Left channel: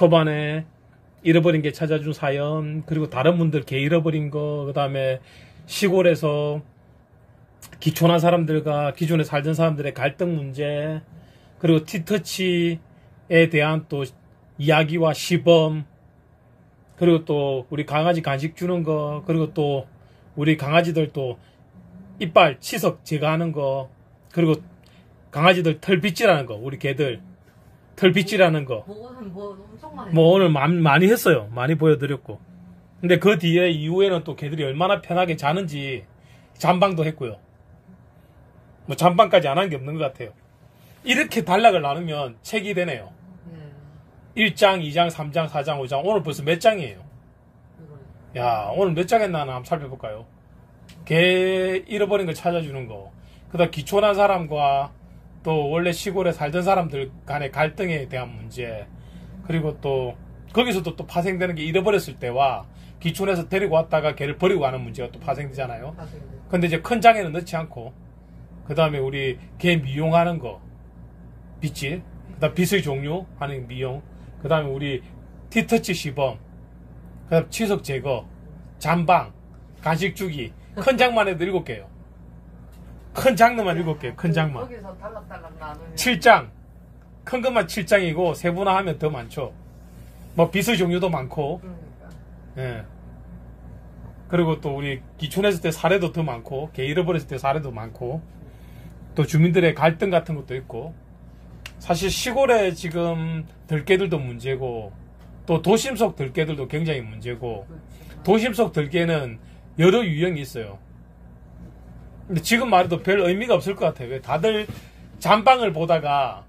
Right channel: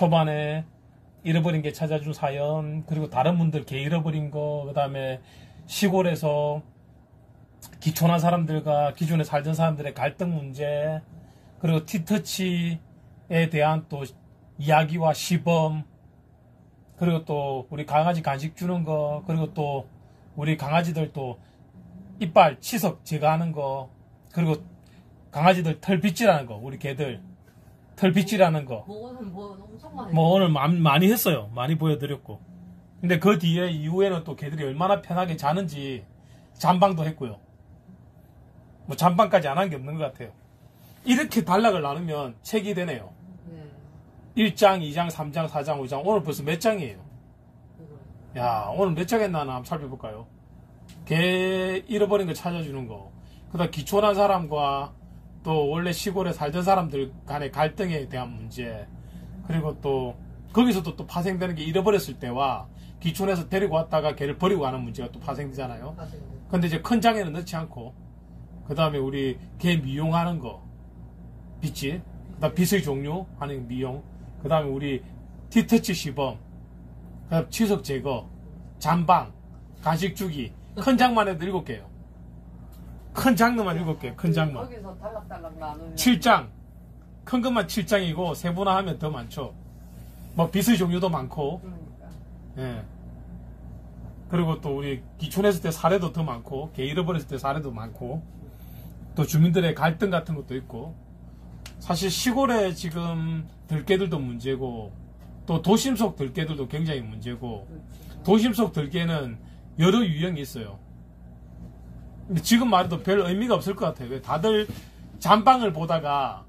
초반에 잃어버린 게 찾아준 사연, 그리고 다른 분들 개 잃어버린 거, 그 다음에 시골에서 기촌한 사람들과 기존에 살던 사람들의 갈등 문제, 그리고 티터치에 대한 또 이야기와 시범, 그리고 또 우리 강아지 간식 주는 거, 그리고 또 우리 강아지들 또 이빨 치석 제거하는 거, 그리고 강아지들 털 빗질하는 거, 우리 개들 털 빗질하는 거. 엄청 많이 뭐 오늘 많이 했어요. 많이 보여드렸고. 근데 그 뒤에 이후에는 또 개들이 얼마나 편하게 자는지 잠방도 했고요. 뭐 잠방까지 안 한 게 없는 것 같아요. 이렇게 단락을 나누면 책이 되네요. 1장, 2장, 3장, 4장, 5장. 오늘 벌써 몇 장이에요? 야, 오늘 몇 장 했나 한번 살펴볼까요? 개 잃어버린 거 찾아주는 거. 그 다음 기촌한 사람과 또 원래 시골에 살던 사람들 간의 갈등에 대한 문제. 그리고 또 거기서도 또 파생되는 게 잃어버렸을 때와 기촌에서 데리고 왔다가 개를 버리고 가는 문제가 또 파생되잖아요. 근데 이제 큰 장에는 넣지 않고, 그 다음에 우리 개 미용하는 거, 빗질, 그 다음 빗의 종류 하는 미용, 그 다음에 우리 티터치 시범, 그 다음 치석 제거, 잠방, 간식 주기. 큰 장만 해도 7개요. 큰 장르만 7개요. 큰 장만. 거기서 달락달락 나누면 7장. 큰 것만 7장이고 세분화하면 더 많죠. 뭐 빗의 종류도 많고. 예. 그리고 또 우리 기촌했을 때 사례도 더 많고, 개 잃어버렸을 때 사례도 많고, 또 주민들의 갈등 같은 것도 있고. 사실 시골에 지금 들개들도 문제고, 또 도심 속 들개들도 굉장히 문제고, 도심 속 들개는 여러 유형이 있어요. 근데 지금 말해도 별 의미가 없을 것 같아요. 왜 다들 잠방을 보다가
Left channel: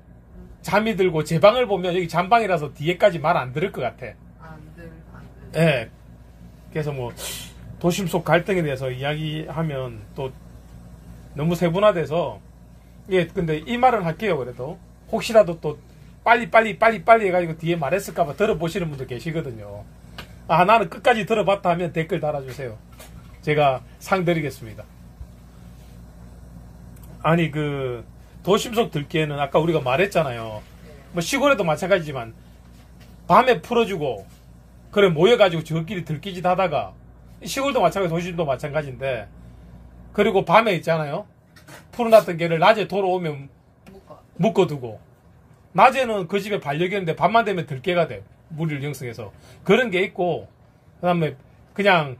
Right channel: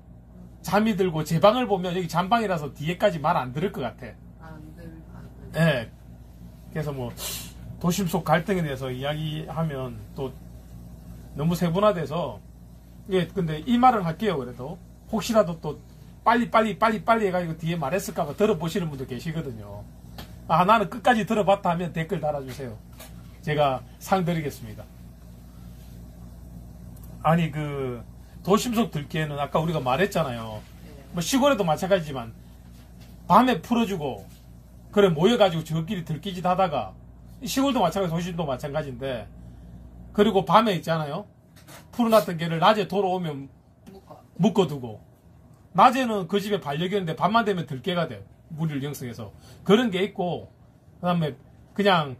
잠이 들고 제 방을 보면 여기 잠방이라서 뒤에까지 말 안 들을 것 같아. 예. 그래서 뭐 도심 속 갈등에 대해서 이야기하면 또 너무 세분화돼서, 예, 근데 이 말은 할게요. 그래도 혹시라도 또 빨리 해가지고 뒤에 말했을까봐 들어보시는 분도 계시거든요. 아, 나는 끝까지 들어봤다 하면 댓글 달아주세요. 제가 상 드리겠습니다. 아니, 그 도심 속 들기에는 아까 우리가 말했잖아요. 뭐 시골에도 마찬가지지만 밤에 풀어주고 그래 모여가지고 저끼리 들기짓 하다가, 시골도 마찬가지, 도심도 마찬가지인데, 그리고 밤에 있잖아요. 풀어놨던 개를 낮에 돌아오면 묶어두고, 낮에는 그 집에 반려견인데 밤만 되면 들개가 돼요. 무리를 형성해서. 그런 게 있고, 그 다음에 그냥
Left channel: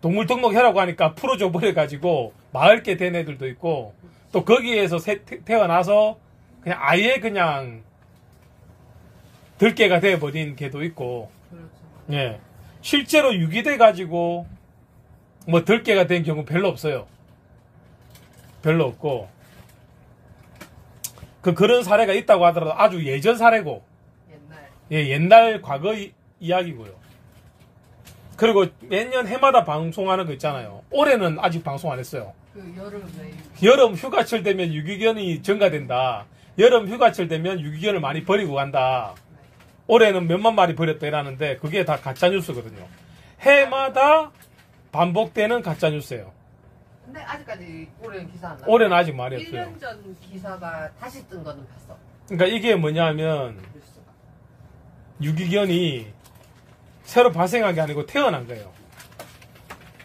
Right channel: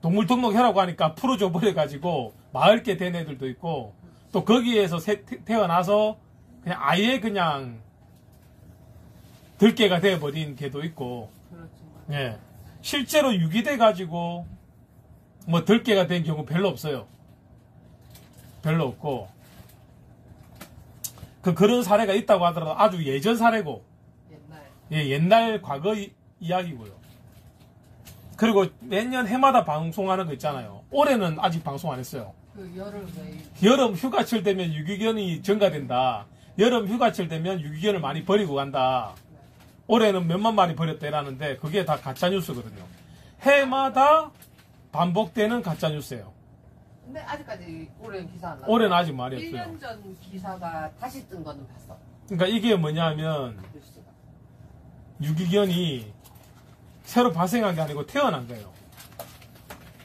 동물 등록해라고 하니까 풀어줘 버려가지고 마을개 된 애들도 있고, 또 거기에서 태어나서 그냥 아예 그냥 들개가 돼버린 개도 있고, 예. 실제로 유기돼가지고 뭐 들개가 된 경우 별로 없어요. 별로 없고, 그런 사례가 있다고 하더라도 아주 예전 사례고, 옛날 과거 이야기고요. 그리고 매년 해마다 방송하는 거 있잖아요. 올해는 아직 방송 안 했어요. 여름 휴가철 되면 유기견이 증가된다. 여름 휴가철 되면 유기견을 많이 버리고 간다. 올해는 몇만 마리 버렸다 이라는데 그게 다 가짜뉴스거든요. 해마다 반복되는 가짜뉴스예요. 근데 아직까지 올해는 기사 안 나왔어요. 올해는 아직 말이 없어요. 1년 전 기사가 다시 뜬 거는 봤어. 그러니까 이게 뭐냐면 유기견이 새로 발생한 게 아니고 태어난 거예요.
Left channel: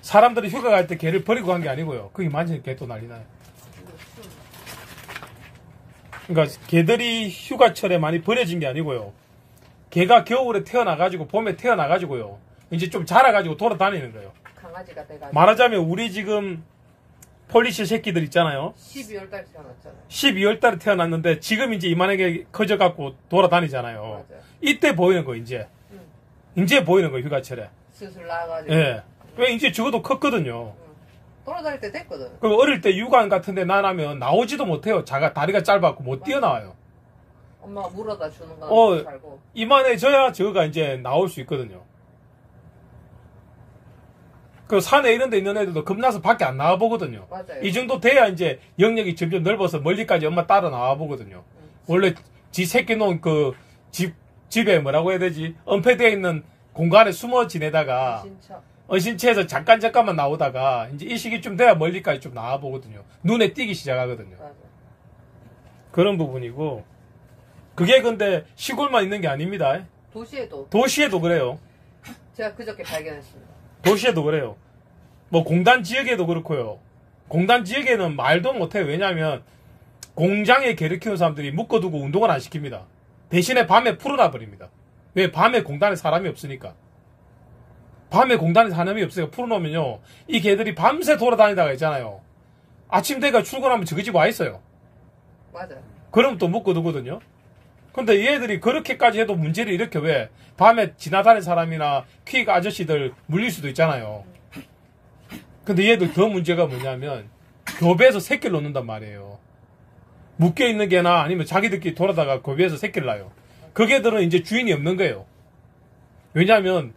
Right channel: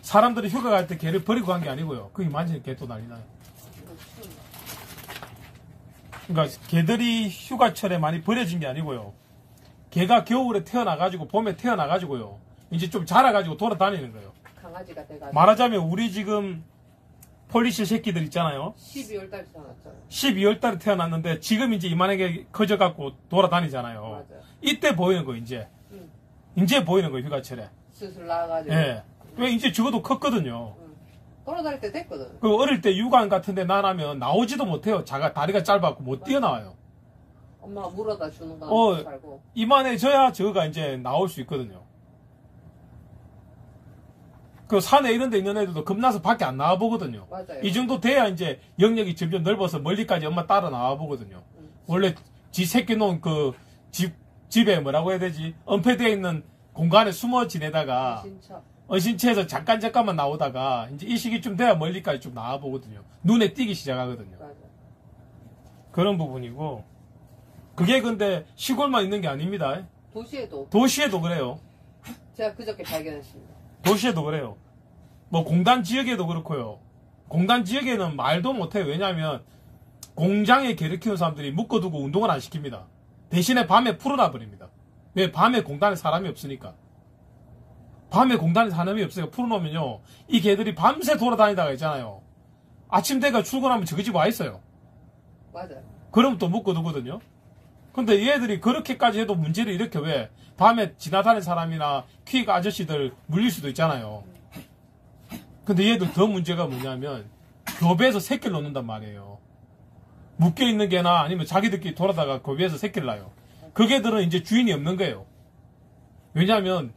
사람들이 휴가 갈 때 개를 버리고 간 게 아니고요. 그게 만지는 개 또 난리 나요. 그러니까 개들이 휴가철에 많이 버려진 게 아니고요. 개가 겨울에 태어나가지고 봄에 태어나가지고요. 이제 좀 자라가지고 돌아다니는 거예요. 강아지가 돼가지고. 말하자면 우리 지금 폴리시 새끼들 있잖아요. 12월 달에 태어났잖아요. 12월 달에 태어났는데 지금 이제 이만하게 커져갖고 돌아다니잖아요. 맞아요. 이때 보이는 거 이제. 이제 보이는 거예요, 휴가철에. 슬슬 나와가지고. 예. 왜 이제 적어도 컸거든요. 돌아다닐 때 됐거든. 그리고 어릴 때 육안 같은데 나가면 나오지도 못해요. 다리가 짧아갖고 못 뛰어나와요. 엄마가 물어다 주는 거는 살고. 이만해져야 저거가 이제 나올 수 있거든요. 그 산에 이런 데 있는 애들도 겁나서 밖에 안 나와 보거든요. 맞아요. 이 정도 돼야 이제 영역이 점점 넓어서 멀리까지 엄마 따라 나와 보거든요. 원래 지 새끼 놓은 그 집에 뭐라고 해야 되지? 은폐되어 있는 공간에 숨어 지내다가 어신체에서 잠깐만 나오다가 이제 이 시기쯤 돼야 멀리까지 좀 나와 보거든요. 눈에 띄기 시작하거든요. 맞아. 그런 부분이고, 그게 근데 시골만 있는 게 아닙니다. 도시에도 그래요. 제가 그저께 발견했습니다. 도시에도 그래요. 뭐 공단 지역에도 그렇고요. 공단 지역에는 말도 못해요. 왜냐하면 공장에 개를 키우는 사람들이 묶어두고 운동을 안 시킵니다. 대신에 밤에 풀어놔 버립니다. 왜? 밤에 공단에 사람이 없으니까. 밤에 공단에 사람이 없으니까 풀어놓으면요, 이 개들이 밤새 돌아다니다가 있잖아요. 아침 되가 출근하면 저기 집 와 있어요. 맞아. 그럼 또 묶어두거든요. 근데 얘들이 그렇게까지 해도 문제를 일으켜. 왜? 밤에 지나다니는 사람이나 퀵 아저씨들 물릴 수도 있잖아요. 근데 얘들 더 문제가 뭐냐면 교배에서 새끼를 놓는단 말이에요. 묶여있는 개나 아니면 자기들끼리 돌아다가 교배에서 새끼를 낳아요. 그 개들은 이제 주인이 없는 거예요. 왜냐하면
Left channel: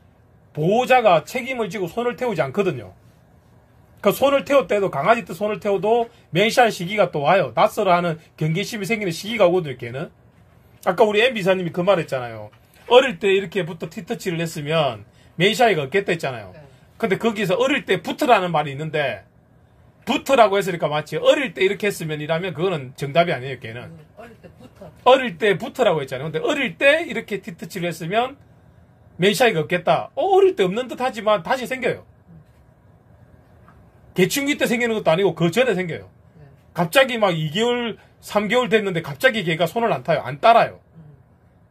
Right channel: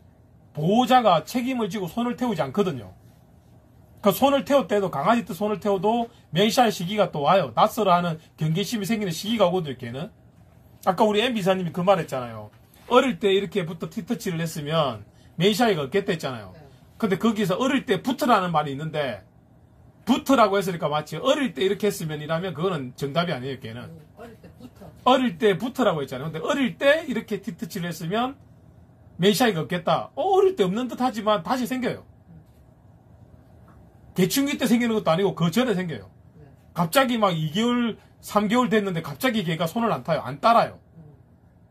보호자가 책임을 지고 손을 태우지 않거든요. 그 손을 태울 때도, 강아지 때 손을 태워도 맹시할 시기가 또 와요. 낯설어 하는 경계심이 생기는 시기가 오거든요, 걔는. 아까 우리 M 비사님이 그 말 했잖아요. 어릴 때 이렇게부터 티터치를 했으면 맹시하기가 없겠다 했잖아요. 근데 거기서 어릴 때 부트라는 말이 있는데, 부트라고 했으니까 마치 어릴 때 이렇게 했으면 이라면 그거는 정답이 아니에요, 걔는. 어릴 때 부트라고 했잖아요. 근데 어릴 때 이렇게 티터치를 했으면 맹시하기가 없겠다. 어릴 때 없는 듯 하지만 다시 생겨요. 개충기 때 생기는 것도 아니고 그 전에 생겨요. 갑자기 막 2개월, 3개월 됐는데 갑자기 걔가 손을 안 타요. 안 따라요.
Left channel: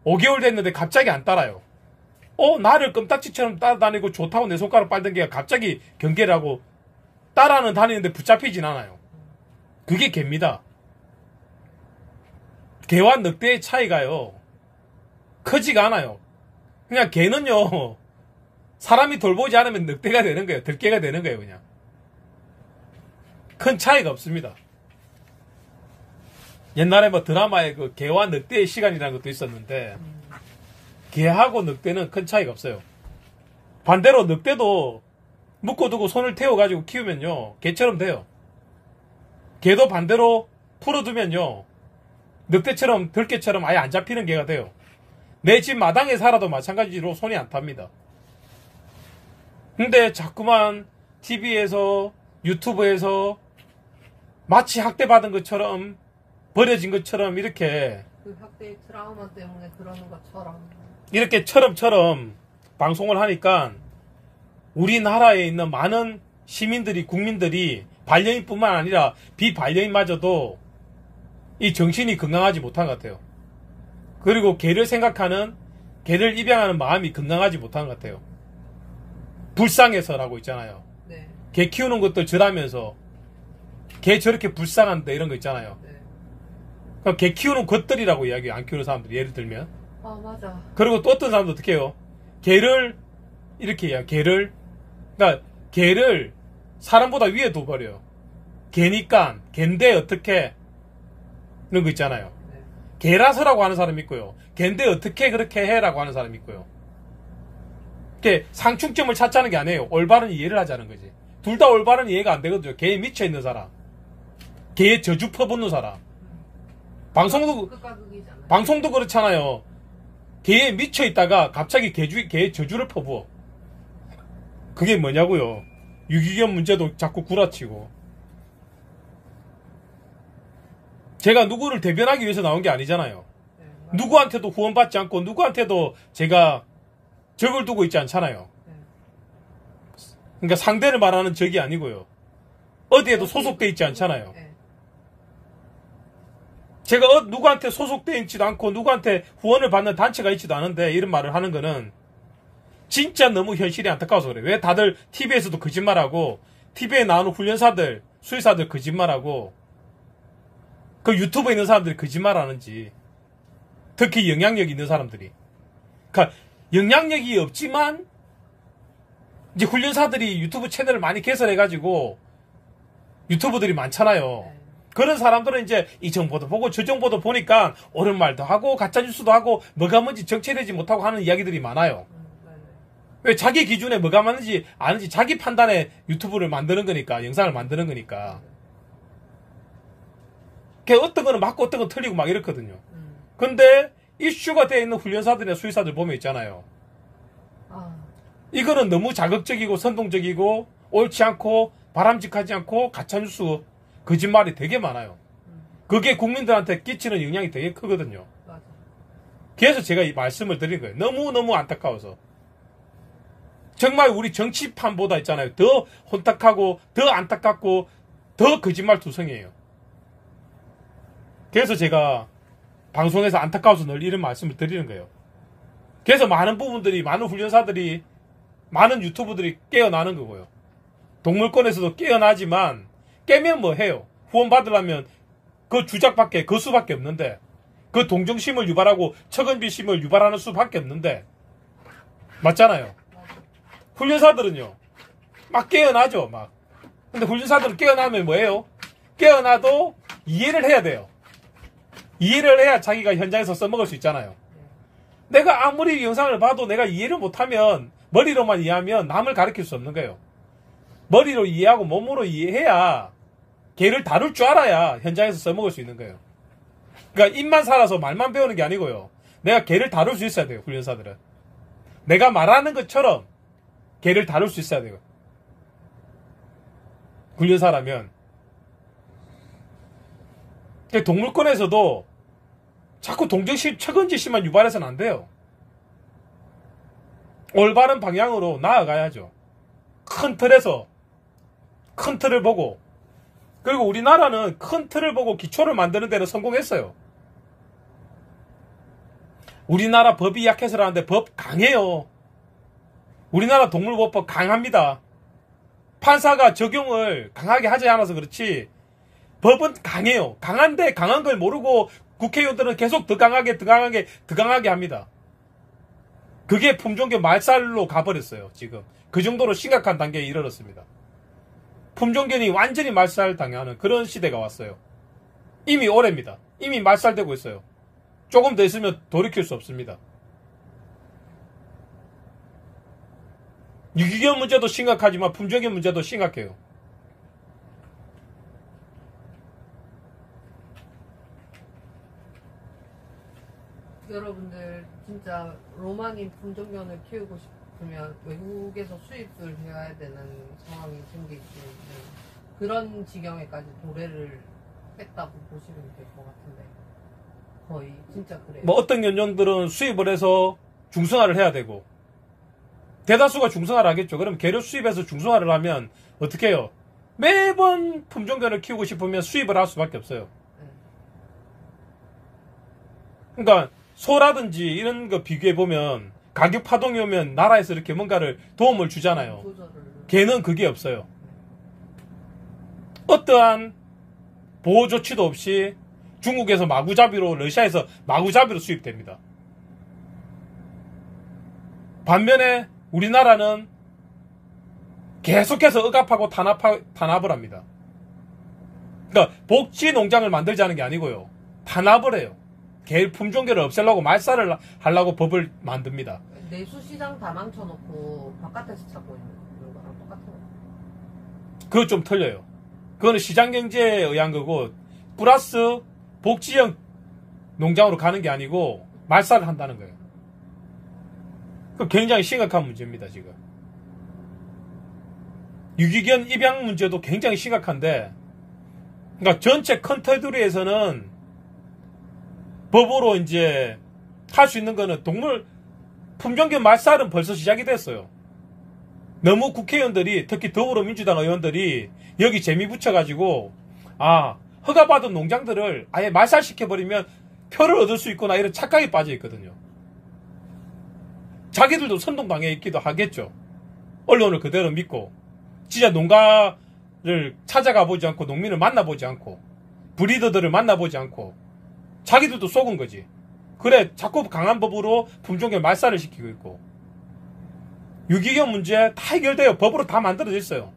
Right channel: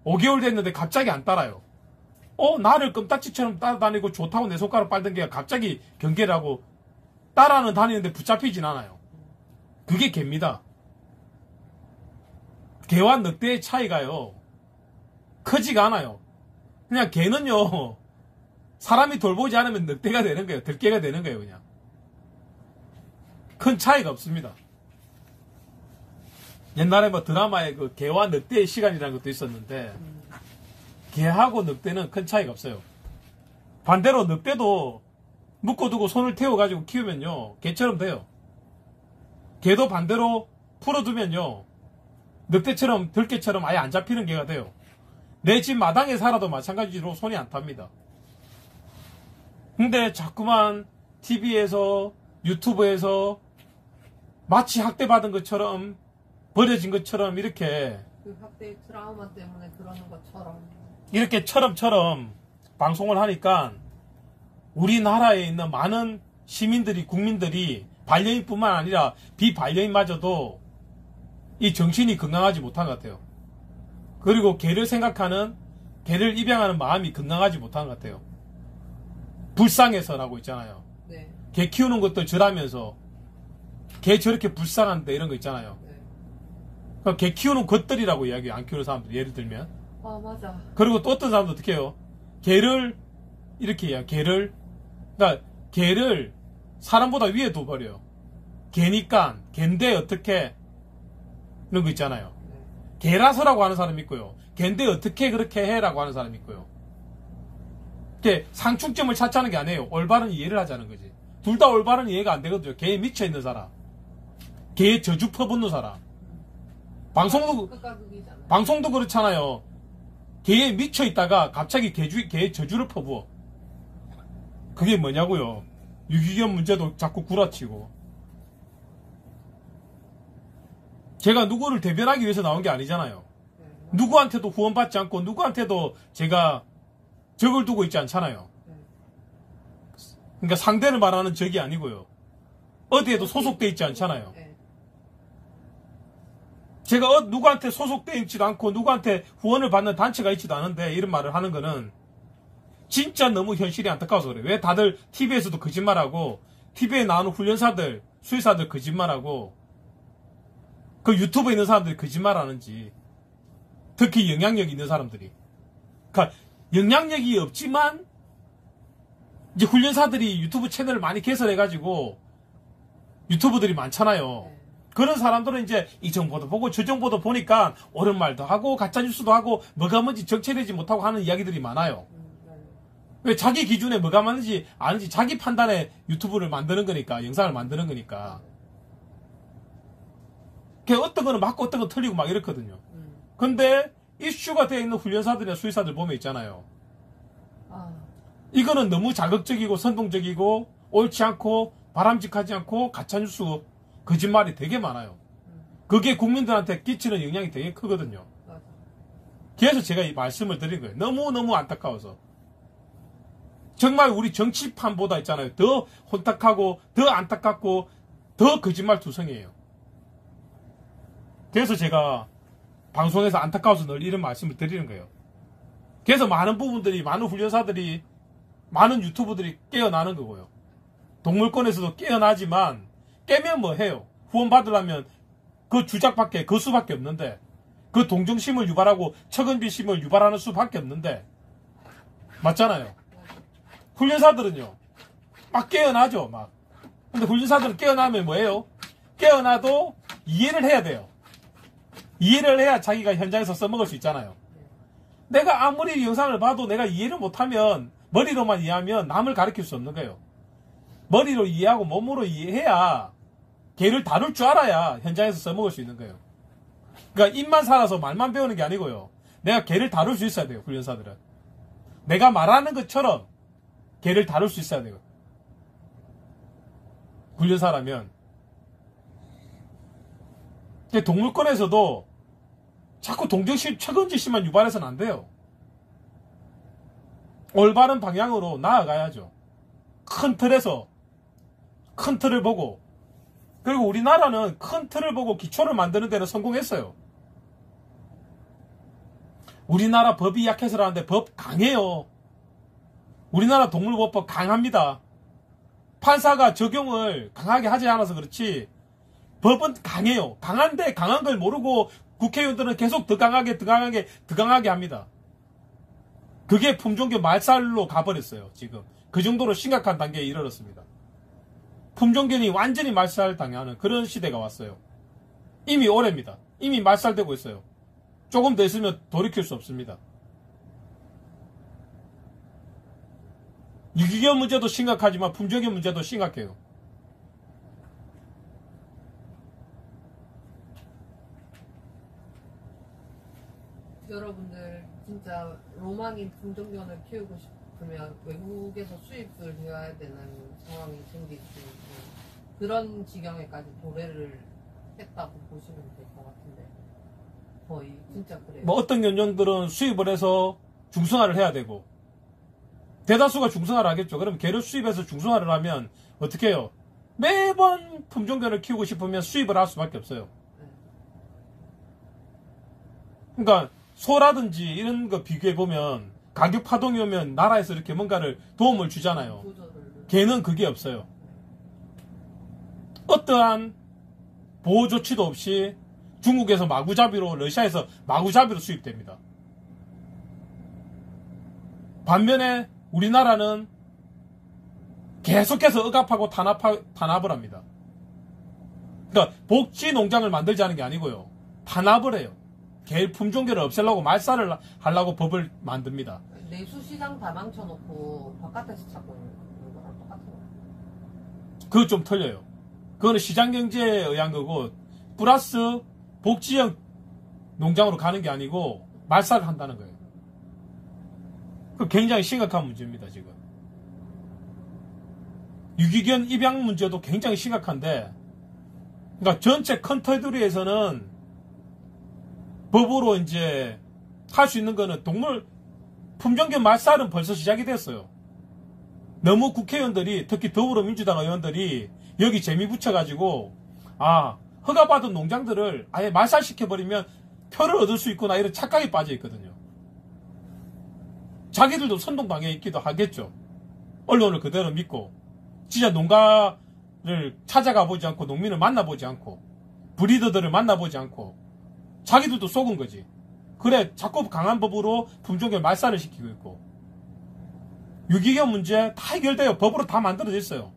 5개월 됐는데 갑자기 안 따라요. 나를 껌딱지처럼 따라다니고 좋다고 내 손가락 빨던 개가 갑자기 경계를 하고 따라는 다니는데 붙잡히진 않아요. 그게 개입니다. 개와 늑대의 차이가요, 크지가 않아요. 그냥 개는요, 사람이 돌보지 않으면 늑대가 되는 거예요. 들개가 되는 거예요, 그냥. 큰 차이가 없습니다. 옛날에 뭐 드라마에 그 개와 늑대의 시간이라는 것도 있었는데, 개하고 늑대는 큰 차이가 없어요. 반대로 늑대도 묶어두고 손을 태워가지고 키우면요, 개처럼 돼요. 개도 반대로 풀어두면요, 늑대처럼, 들개처럼 아예 안 잡히는 개가 돼요. 내 집 마당에 살아도 마찬가지로 손이 안 탑니다. 근데 자꾸만 TV에서, 유튜브에서 마치 학대받은 것처럼, 버려진 것처럼 이렇게, 그 학대의 트라우마 때문에 그러는 것처럼, 이렇게 처럼처럼 방송을 하니까 우리나라에 있는 많은 시민들이, 국민들이 반려인뿐만 아니라 비반려인마저도 이 정신이 건강하지 못한 것 같아요. 그리고 개를 생각하는, 개를 입양하는 마음이 건강하지 못한 것 같아요. 불쌍해서라고 있잖아요. 네. 개 키우는 것도 절하면서 개 저렇게 불쌍한데 이런 거 있잖아요. 네. 그러니까 개 키우는 것들이라고 이야기해요. 안 키우는 사람들 예를 들면. 맞아. 그리고 또 어떤 사람도 어떻게 해요? 개를 이렇게 해요. 개를, 그러니까 개를 사람보다 위에 둬버려요. 개니까 갠데 어떻게 이런 거 있잖아요. 네. 개라서라고 하는 사람이 있고요. 걘데 어떻게 그렇게 해라고 하는 사람이 있고요. 이렇게 상충점을 찾자는 게 아니에요. 올바른 이해를 하자는 거지. 둘 다 올바른 이해가 안 되거든요. 개에 미쳐있는 사람, 개에 저주 퍼붓는 사람. 방송도 그렇잖아요. 개에 미쳐있다가 갑자기 개에 저주를 퍼부어. 그게 뭐냐고요. 유기견 문제도 자꾸 구라치고. 제가 누구를 대변하기 위해서 나온 게 아니잖아요. 네, 누구한테도 후원받지 않고 누구한테도 제가 적을 두고 있지 않잖아요. 네. 그러니까 상대를 말하는 적이 아니고요. 어디에도 소속돼 있지 않잖아요. 네. 제가 누구한테 소속돼 있지도 않고 누구한테 후원을 받는 단체가 있지도 않은데 이런 말을 하는 거는 진짜 너무 현실이 안타까워서 그래요. 왜 다들 TV에서도 거짓말하고 TV에 나오는 훈련사들, 수의사들 거짓말하고 그 유튜브에 있는 사람들이 거짓말하는지, 특히 영향력 있는 사람들이. 그러니까 영향력이 없지만 이제 훈련사들이 유튜브 채널을 많이 개설해가지고 유튜브들이 많잖아요. 그런 사람들은 이제 이 정보도 보고 저 정보도 보니까 옳은 말도 하고 가짜뉴스도 하고 뭐가 뭔지 정체되지 못하고 하는 이야기들이 많아요. 왜? 자기 기준에 뭐가 맞는지 아는지 자기 판단에 유튜브를 만드는 거니까, 영상을 만드는 거니까. 어떤 거는 맞고 어떤 건 틀리고 막 이렇거든요. 근데 이슈가 되어 있는 훈련사들이나 수의사들 보면 있잖아요. 이거는 너무 자극적이고 선동적이고 옳지 않고 바람직하지 않고 가짜뉴스, 거짓말이 되게 많아요. 그게 국민들한테 끼치는 영향이 되게 크거든요. 맞아. 그래서 제가 이 말씀을 드린 거예요. 너무너무 안타까워서. 정말 우리 정치판보다 있잖아요. 더 혼탁하고, 더 안타깝고, 더 거짓말 투성이에요. 그래서 제가 방송에서 안타까워서 늘 이런 말씀을 드리는 거예요. 그래서 많은 부분들이, 많은 훈련사들이, 많은 유튜브들이 깨어나는 거고요. 동물권에서도 깨어나지만, 깨면 뭐 해요? 후원 받으려면 그 주작밖에, 그 수밖에 없는데, 그 동정심을 유발하고 척은비심을 유발하는 수밖에 없는데, 맞잖아요. 훈련사들은요, 막 깨어나죠, 막. 근데 훈련사들은 깨어나면 뭐예요? 깨어나도 이해를 해야 돼요. 이해를 해야 자기가 현장에서 써먹을 수 있잖아요. 내가 아무리 영상을 봐도 내가 이해를 못하면, 머리로만 이해하면 남을 가르칠 수 없는 거예요. 머리로 이해하고 몸으로 이해해야 개를 다룰 줄 알아야 현장에서 써먹을 수 있는 거예요. 그러니까 입만 살아서 말만 배우는 게 아니고요. 내가 개를 다룰 수 있어야 돼요, 훈련사들은. 내가 말하는 것처럼 개를 다룰 수 있어야 돼요. 훈련사라면. 동물권에서도 자꾸 동정심, 척은지심만 유발해서는 안 돼요. 올바른 방향으로 나아가야죠. 큰 틀에서, 큰 틀을 보고, 그리고 우리나라는 큰 틀을 보고 기초를 만드는 데는 성공했어요. 우리나라 법이 약해서라는데 법 강해요. 우리나라 동물보호법 강합니다. 판사가 적용을 강하게 하지 않아서 그렇지 법은 강해요. 강한데 강한 걸 모르고 국회의원들은 계속 더 강하게 합니다. 그게 품종계 말살로 가버렸어요. 지금 그 정도로 심각한 단계에 이르렀습니다. 품종견이 완전히 말살당하는 그런 시대가 왔어요. 이미 오래입니다. 이미 말살되고 있어요. 조금 더 있으면 돌이킬 수 없습니다. 유기견 문제도 심각하지만 품종견 문제도 심각해요. 여러분들 진짜 로망인 품종견을 키우고 싶으면 외국에서 수입을 해야 되는 상황이 생길 수 있는 그런 지경에까지 도래를 했다고 보시면 될 것 같은데 거의 진짜 그래요. 뭐 어떤 견종들은 수입을 해서 중성화를 해야 되고 대다수가 중성화를 하겠죠. 그럼 개를 수입해서 중성화를 하면 어떻게 해요? 매번 품종견을 키우고 싶으면 수입을 할 수밖에 없어요. 그러니까 소라든지 이런 거 비교해보면 가격 파동이 오면 나라에서 이렇게 뭔가를 도움을 주잖아요. 개는 그게 없어요. 어떠한 보호 조치도 없이 중국에서 마구잡이로, 러시아에서 마구잡이로 수입됩니다. 반면에 우리나라는 계속해서 억압하고 탄압을 합니다. 그러니까 복지 농장을 만들자는 게 아니고요. 탄압을 해요. 개 품종계를 없애려고 말살을 하려고 법을 만듭니다. 내수시장 다 망쳐놓고 바깥에서 찾고 있는 거랑 똑같은 거예요. 그거 좀 틀려요. 그거는 시장경제에 의한 거고 플러스 복지형 농장으로 가는 게 아니고 말살을 한다는 거예요. 그 굉장히 심각한 문제입니다. 지금 유기견 입양 문제도 굉장히 심각한데, 그러니까 전체 컨트리에서는 법으로 이제 할 수 있는 거는 동물 품종견 말살은 벌써 시작이 됐어요. 너무 국회의원들이, 특히 더불어민주당 의원들이 여기 재미 붙여가지고 허가받은 농장들을 아예 말살시켜버리면 표를 얻을 수 있구나 이런 착각에 빠져 있거든요. 자기들도 선동당해 있기도 하겠죠. 언론을 그대로 믿고 진짜 농가를 찾아가 보지 않고 농민을 만나보지 않고 브리더들을 만나보지 않고 자기들도 속은 거지. 그래 자꾸 강한 법으로 품종견 말살을 시키고 있고, 유기견 문제 다 해결돼요. 법으로 다 만들어져 있어요.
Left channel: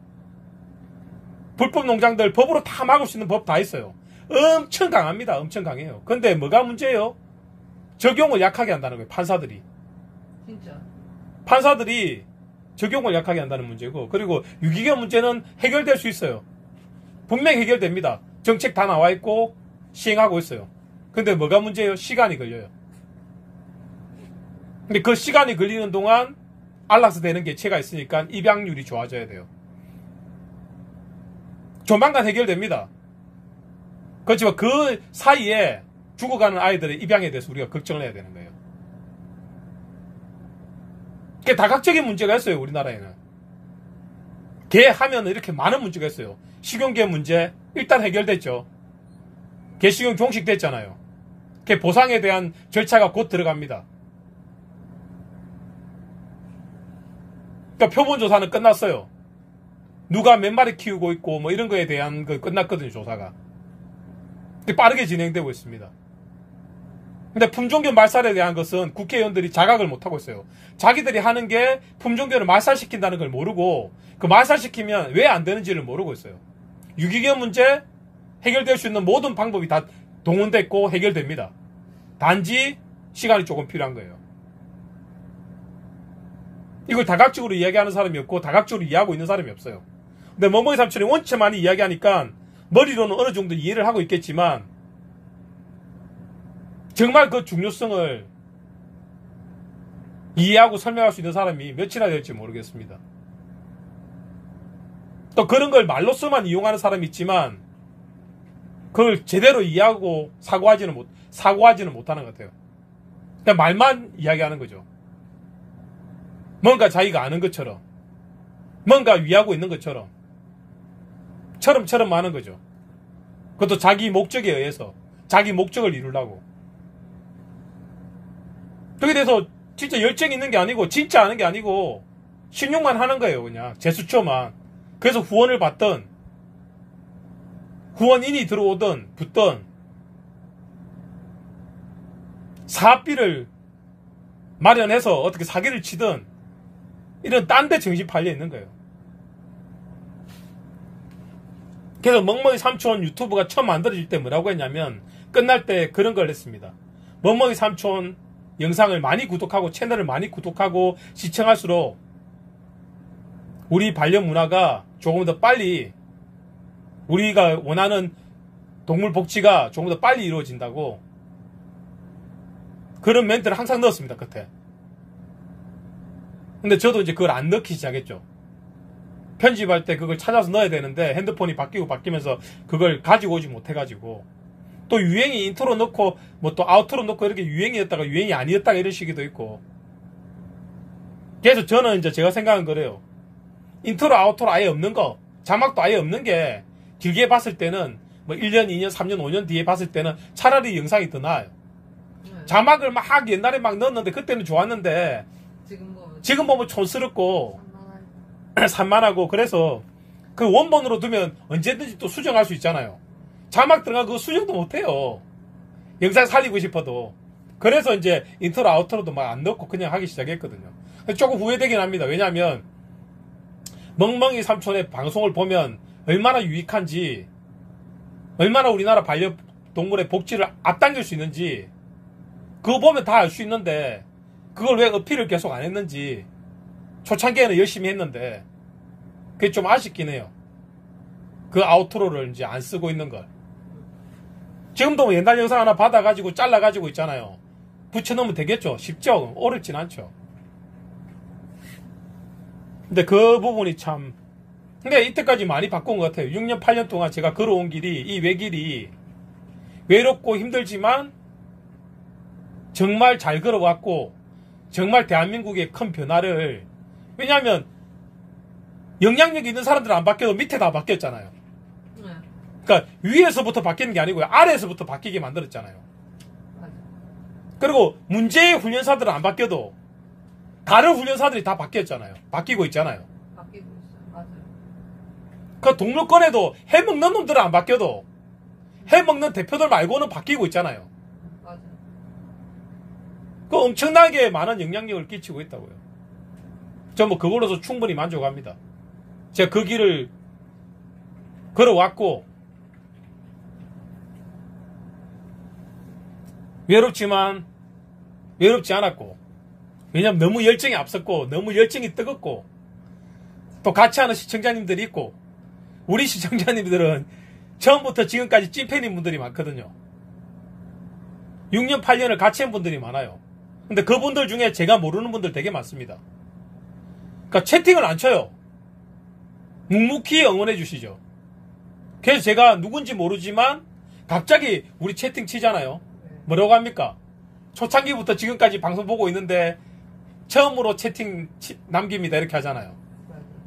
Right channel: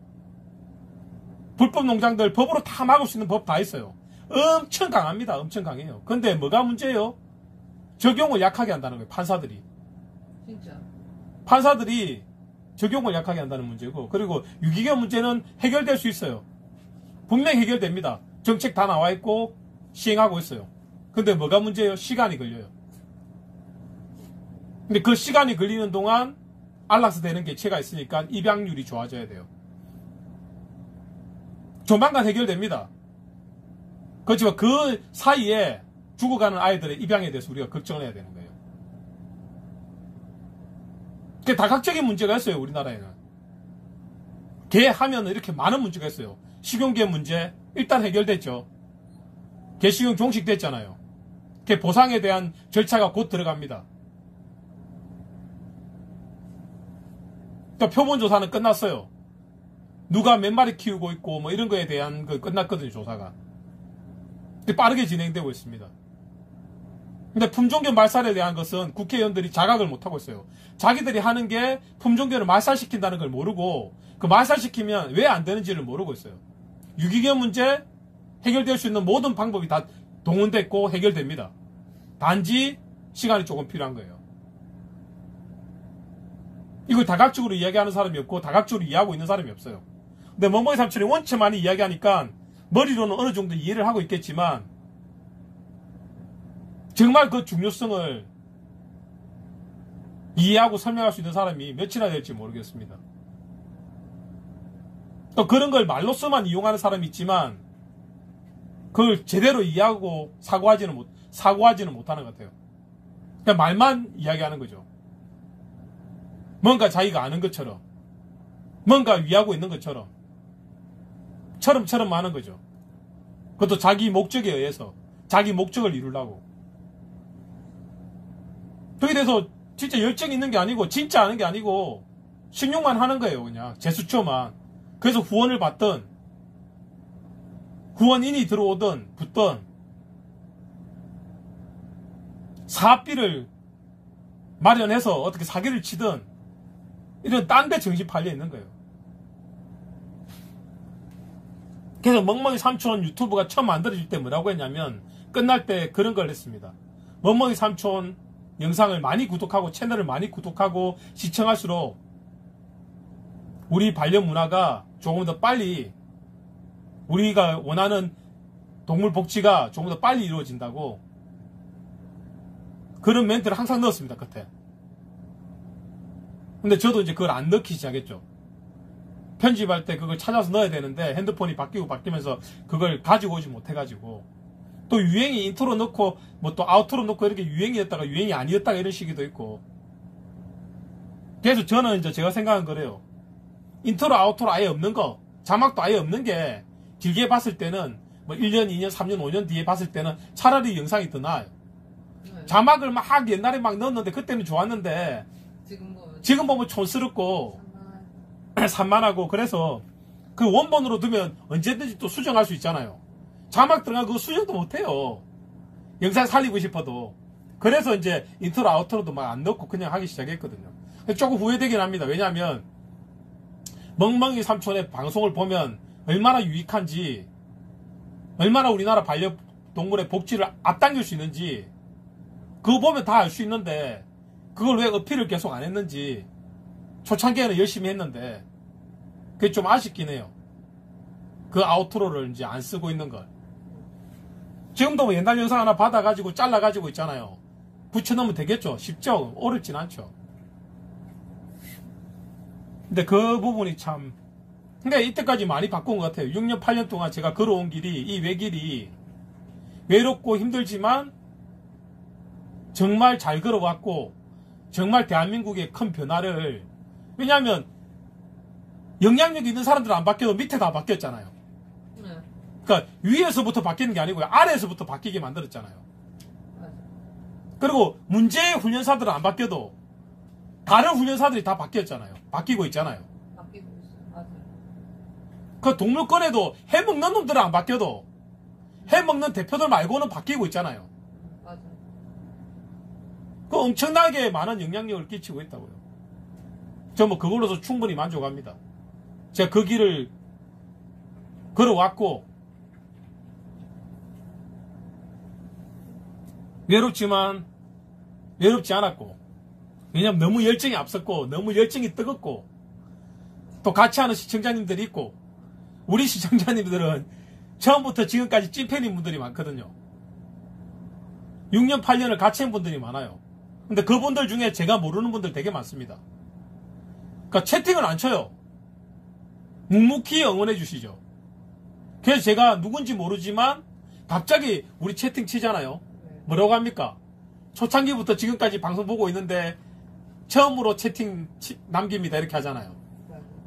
불법 농장들 법으로 다 막을 수 있는 법 다 있어요. 엄청 강합니다. 엄청 강해요. 근데 뭐가 문제예요? 적용을 약하게 한다는 거예요. 판사들이. 진짜. 판사들이 적용을 약하게 한다는 문제고, 그리고 유기견 문제는 해결될 수 있어요. 분명히 해결됩니다. 정책 다 나와 있고 시행하고 있어요. 근데 뭐가 문제예요? 시간이 걸려요. 근데 그 시간이 걸리는 동안 안락사 되는 개체가 있으니까 입양률이 좋아져야 돼요. 조만간 해결됩니다. 그렇지만 그 사이에 죽어가는 아이들의 입양에 대해서 우리가 걱정을 해야 되는 거예요. 그게 다각적인 문제가 있어요, 우리나라에는. 개 하면 이렇게 많은 문제가 있어요. 식용개 문제, 일단 해결됐죠. 개식용 종식됐잖아요. 그 보상에 대한 절차가 곧 들어갑니다. 그러니까 표본조사는 끝났어요. 누가 몇 마리 키우고 있고 뭐 이런 거에 대한 거 끝났거든요, 조사가. 빠르게 진행되고 있습니다. 근데 품종견 말살에 대한 것은 국회의원들이 자각을 못하고 있어요. 자기들이 하는 게 품종견을 말살시킨다는 걸 모르고 그 말살시키면 왜 안 되는지를 모르고 있어요. 유기견 문제 해결될 수 있는 모든 방법이 다 동원됐고 해결됩니다. 단지 시간이 조금 필요한 거예요. 이걸 다각적으로 이야기하는 사람이 없고 다각적으로 이해하고 있는 사람이 없어요. 근데 멍멍이 삼촌이 원체 많이 이야기하니까 머리로는 어느 정도 이해를 하고 있겠지만 정말 그 중요성을 이해하고 설명할 수 있는 사람이 몇이나 될지 모르겠습니다. 또 그런 걸 말로서만 이용하는 사람이 있지만 그걸 제대로 이해하고 사고하지는 못하는 것 같아요. 그냥 말만 이야기하는 거죠. 뭔가 자기가 아는 것처럼, 뭔가 위하고 있는 것처럼, 처럼 하는 거죠. 그것도 자기 목적에 의해서, 자기 목적을 이루려고. 그게 대해서 진짜 열정이 있는 게 아니고, 진짜 아는 게 아니고, 신용만 하는 거예요, 그냥. 제수초만. 그래서 후원을 받든, 후원인이 들어오든, 붙든, 사업비를 마련해서 어떻게 사기를 치든, 이런 딴 데 정신 팔려 있는 거예요. 그래서 멍멍이 삼촌 유튜브가 처음 만들어질 때 뭐라고 했냐면 끝날 때 그런 걸 했습니다. 멍멍이 삼촌 영상을 많이 구독하고 채널을 많이 구독하고 시청할수록 우리 반려 문화가 조금 더 빨리 우리가 원하는 동물 복지가 조금 더 빨리 이루어진다고 그런 멘트를 항상 넣었습니다. 끝에. 근데 저도 이제 그걸 안 넣기 시작했죠. 편집할 때 그걸 찾아서 넣어야 되는데 핸드폰이 바뀌면서 그걸 가지고 오지 못해가지고 또 유행이 인트로 넣고 뭐 또 아우트로 넣고 이렇게 유행이었다가 유행이 아니었다가 이런 시기도 있고 그래서 저는 이제 제가 생각한 거래요. 인트로 아우트로 아예 없는 거 자막도 아예 없는 게 길게 봤을 때는 뭐 1년 2년 3년 5년 뒤에 봤을 때는 차라리 영상이 더 나아요. 자막을 막 옛날에 막 넣었는데 그때는 좋았는데 지금 보면 촌스럽고 산만하고 그래서 그 원본으로 두면 언제든지 또 수정할 수 있잖아요. 자막 들어가 그거 수정도 못해요. 영상 살리고 싶어도. 그래서 이제 인트로 아우트로도 막 안 넣고 그냥 하기 시작했거든요. 조금 후회되긴 합니다. 왜냐하면 멍멍이 삼촌의 방송을 보면 얼마나 유익한지 얼마나 우리나라 반려동물의 복지를 앞당길 수 있는지 그거 보면 다 알 수 있는데 그걸 왜 어필을 계속 안 했는지 초창기에는 열심히 했는데 그게 좀 아쉽긴 해요. 그 아우트로를 이제 안 쓰고 있는 걸. 지금도 옛날 영상 하나 받아가지고 잘라가지고 있잖아요. 붙여놓으면 되겠죠. 쉽죠. 어렵진 않죠. 근데 그 부분이 참 근데 이때까지 많이 바꾼 것 같아요. 6년 8년 동안 제가 걸어온 길이 이 외길이 외롭고 힘들지만 정말 잘 걸어왔고 정말 대한민국의 큰 변화를 왜냐하면 영향력 있는 사람들은 안 바뀌어도 밑에 다 바뀌었잖아요. 그러니까 위에서부터 바뀌는 게 아니고요. 아래에서부터 바뀌게 만들었잖아요. 그리고 문제의 훈련사들은 안 바뀌어도 다른 훈련사들이 다 바뀌었잖아요. 바뀌고 있잖아요. 바뀌고 있어요. 맞아요. 그 동물권에도 해먹는 놈들은 안 바뀌어도 해먹는 대표들 말고는 바뀌고 있잖아요. 맞아요. 그 엄청나게 많은 영향력을 끼치고 있다고요. 저 뭐 그걸로서 충분히 만족합니다. 제가 그 길을 걸어왔고 외롭지만 외롭지 않았고 왜냐면 너무 열정이 앞섰고 너무 열정이 뜨겁고 또 같이 하는 시청자님들이 있고 우리 시청자님들은 처음부터 지금까지 찐팬인 분들이 많거든요. 6년 8년을 같이 한 분들이 많아요. 근데 그분들 중에 제가 모르는 분들 되게 많습니다. 그러니까 채팅을 안 쳐요. 묵묵히 응원해 주시죠. 그래서 제가 누군지 모르지만 갑자기 우리 채팅 치잖아요. 뭐라고 합니까? 초창기부터 지금까지 방송 보고 있는데 처음으로 채팅 남깁니다 이렇게 하잖아요.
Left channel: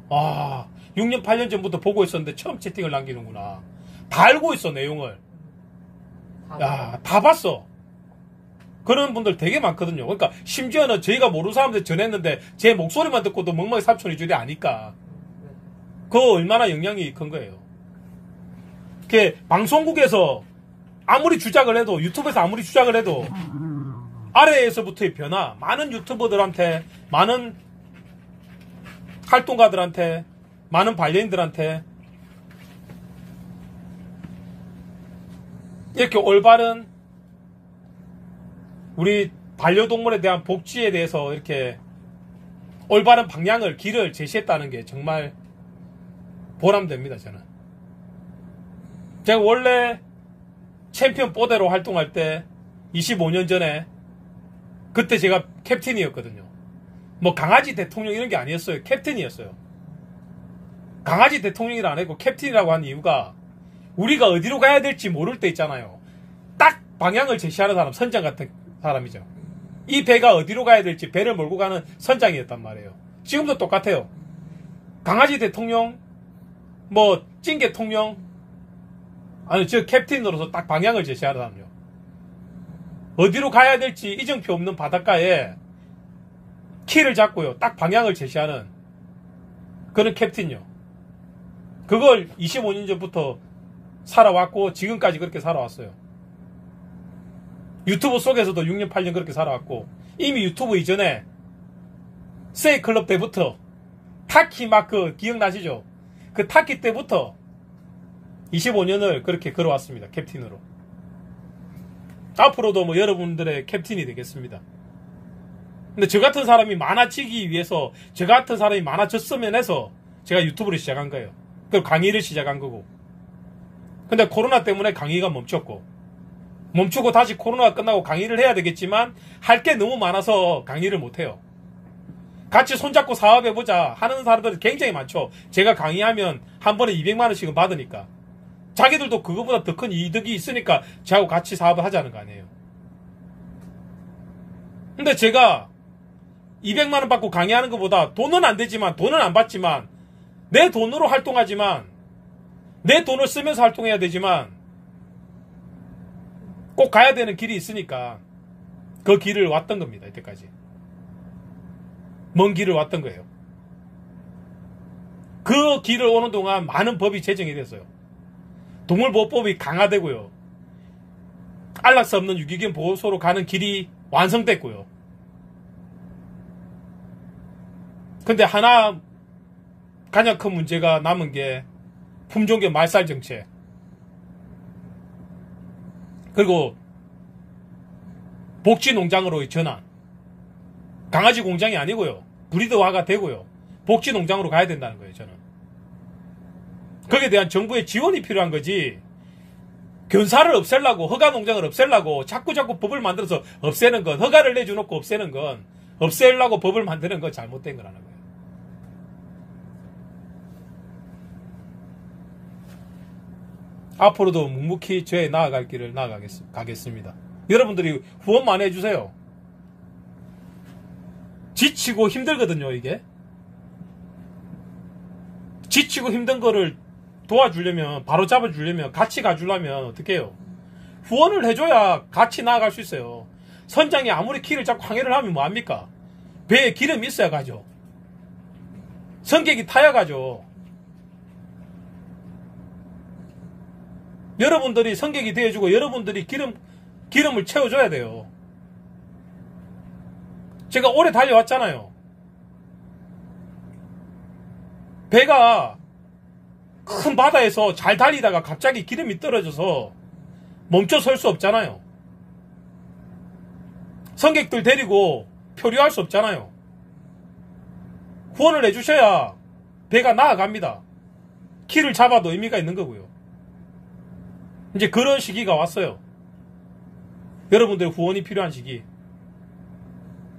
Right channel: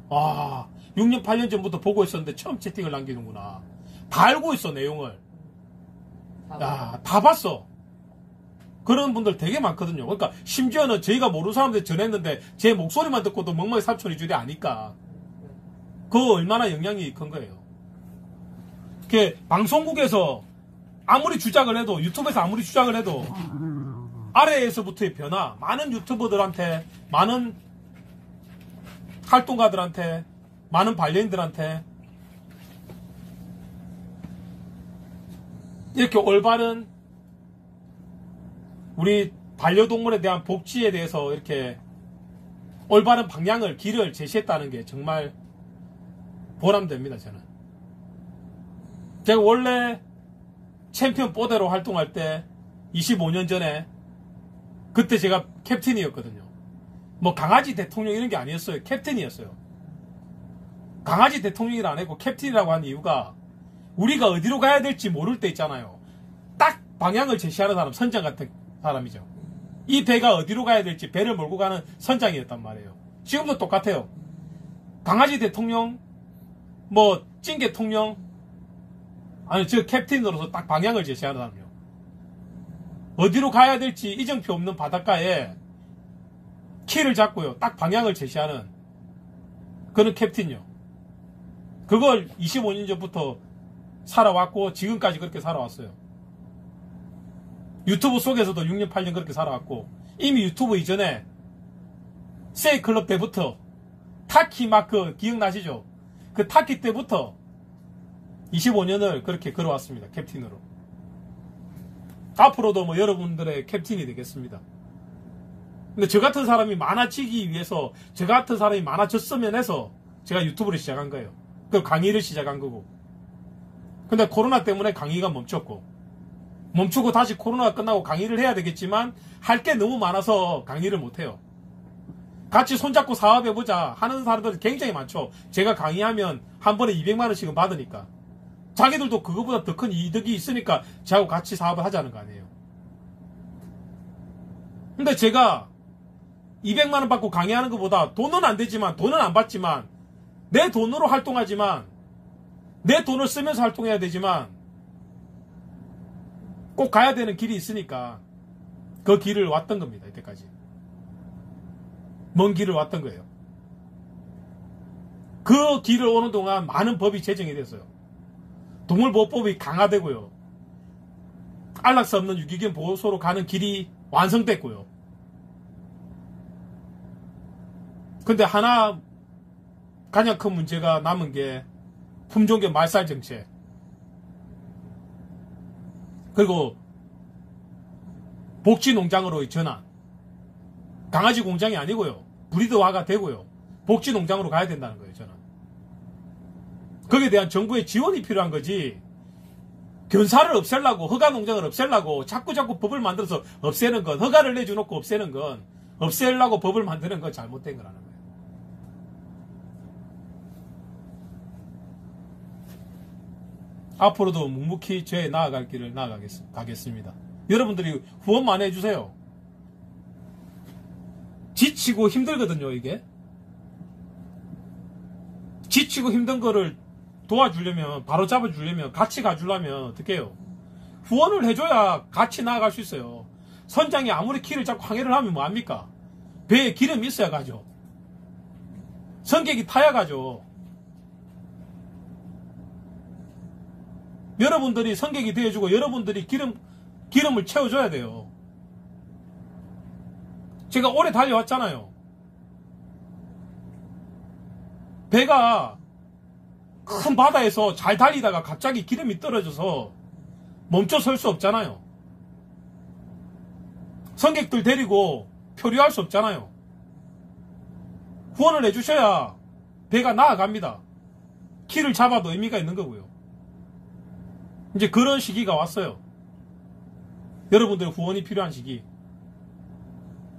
와, 6년 8년 전부터 보고 있었는데 처음 채팅을 남기는구나. 다 알고 있어 내용을. 야, 다 봤어. 그런 분들 되게 많거든요. 그러니까 심지어는 저희가 모르는 사람들 전했는데 제 목소리만 듣고도 멍멍이 삼촌이 줄이 아니까 그 얼마나 영향이 큰 거예요. 그 방송국에서 아무리 주작을 해도, 유튜브에서 아무리 주작을 해도 아래에서부터의 변화, 많은 유튜버들한테, 많은 활동가들한테, 많은 반려인들한테 이렇게 올바른 우리 반려동물에 대한 복지에 대해서 이렇게 올바른 방향을, 길을 제시했다는 게 정말 보람됩니다, 저는. 제가 원래 챔피언 뽀대로 활동할 때 25년 전에 그때 제가 캡틴이었거든요. 뭐 강아지 대통령 이런 게 아니었어요. 캡틴이었어요. 강아지 대통령이라 안 했고 캡틴이라고 한 이유가 우리가 어디로 가야 될지 모를 때 있잖아요. 딱 방향을 제시하는 사람, 선장 같은 사람이죠. 이 배가 어디로 가야 될지 배를 몰고 가는 선장이었단 말이에요. 지금도 똑같아요. 강아지 대통령, 뭐 찐개통령, 아니 저 캡틴으로서 딱 방향을 제시하는 사람이요. 어디로 가야 될지 이정표 없는 바닷가에 키를 잡고요. 딱 방향을 제시하는 그런 캡틴이요. 그걸 25년 전부터 살아왔고 지금까지 그렇게 살아왔어요. 유튜브 속에서도 6년 8년 그렇게 살아왔고 이미 유튜브 이전에 세이클럽 때부터 타키 마크 기억나시죠? 그 타키 때부터 25년을 그렇게 걸어왔습니다. 캡틴으로. 앞으로도 뭐 여러분들의 캡틴이 되겠습니다. 근데 저 같은 사람이 많아지기 위해서, 저 같은 사람이 많아졌으면 해서 제가 유튜브를 시작한 거예요. 그리고 강의를 시작한 거고. 근데 코로나 때문에 강의가 멈추고 다시 코로나가 끝나고 강의를 해야 되겠지만 할 게 너무 많아서 강의를 못해요. 같이 손잡고 사업해보자 하는 사람들 굉장히 많죠. 제가 강의하면 한 번에 200만 원씩은 받으니까. 자기들도 그거보다 더 큰 이득이 있으니까 저하고 같이 사업을 하자는 거 아니에요. 근데 제가 200만 원 받고 강의하는 것보다 돈은 안 되지만, 돈은 안 받지만, 내 돈으로 활동하지만, 내 돈을 쓰면서 활동해야 되지만, 꼭 가야 되는 길이 있으니까 그 길을 왔던 겁니다. 이때까지. 먼 길을 왔던 거예요. 그 길을 오는 동안 많은 법이 제정이 됐어요. 동물보호법이 강화되고요. 안락사 없는 유기견 보호소로 가는 길이 완성됐고요. 근데 하나 가장 큰 문제가 남은 게 품종견 말살 정책. 그리고 복지농장으로의 전환. 강아지 공장이 아니고요. 브리드화가 되고요. 복지농장으로 가야 된다는 거예요, 저는. 거기에 대한 정부의 지원이 필요한 거지. 견사를 없애려고, 허가농장을 없애려고 자꾸 법을 만들어서 없애는 건, 허가를 내줘놓고 없애는 건, 없애려고 법을 만드는 건 잘못된 거라는 거예요. 앞으로도 묵묵히 저의 나아갈 길을 나아가겠습니다. 여러분들이 후원만 해주세요. 지치고 힘들거든요, 이게. 지치고 힘든 거를 도와주려면, 바로 잡아주려면, 같이 가주려면 어떻게 해요? 후원을 해줘야 같이 나아갈 수 있어요. 선장이 아무리 키를 잡고 항해를 하면 뭐합니까? 배에 기름이 있어야 가죠. 선객이 타야 가죠. 여러분들이 선객이 되어주고 여러분들이 기름을 채워줘야 돼요. 제가 오래 달려왔잖아요. 배가 큰 바다에서 잘 달리다가 갑자기 기름이 떨어져서 멈춰 설 수 없잖아요. 선객들 데리고 표류할 수 없잖아요. 후원을 해주셔야 배가 나아갑니다. 키를 잡아도 의미가 있는 거고요. 이제 그런 시기가 왔어요. 여러분들의 후원이 필요한 시기.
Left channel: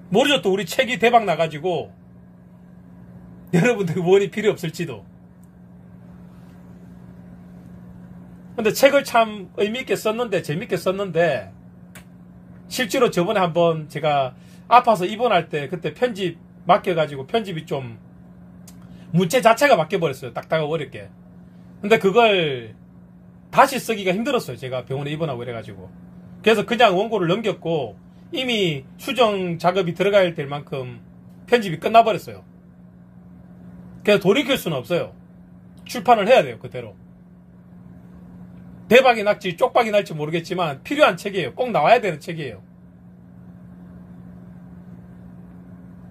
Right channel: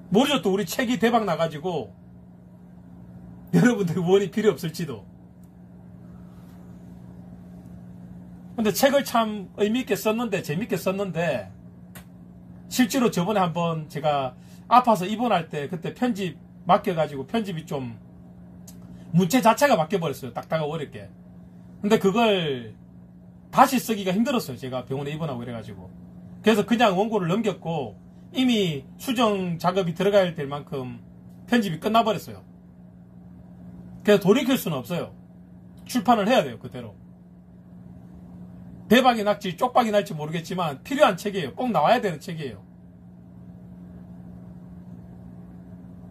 모르죠, 또 우리 책이 대박 나가지고 여러분들의 후원이 필요 없을지도. 근데 책을 참 의미있게 썼는데, 재밌게 썼는데, 실제로 저번에 한번 제가 아파서 입원할 때 그때 편집 맡겨가지고 편집이 좀 문체 자체가 바뀌어버렸어요. 딱딱하고 어렵게. 근데 그걸 다시 쓰기가 힘들었어요. 제가 병원에 입원하고 이래가지고. 그래서 그냥 원고를 넘겼고 이미 수정 작업이 들어가야 될 만큼 편집이 끝나버렸어요. 그래서 돌이킬 수는 없어요. 출판을 해야 돼요. 그대로. 대박이 날지 쪽박이 날지 모르겠지만 필요한 책이에요. 꼭 나와야 되는 책이에요.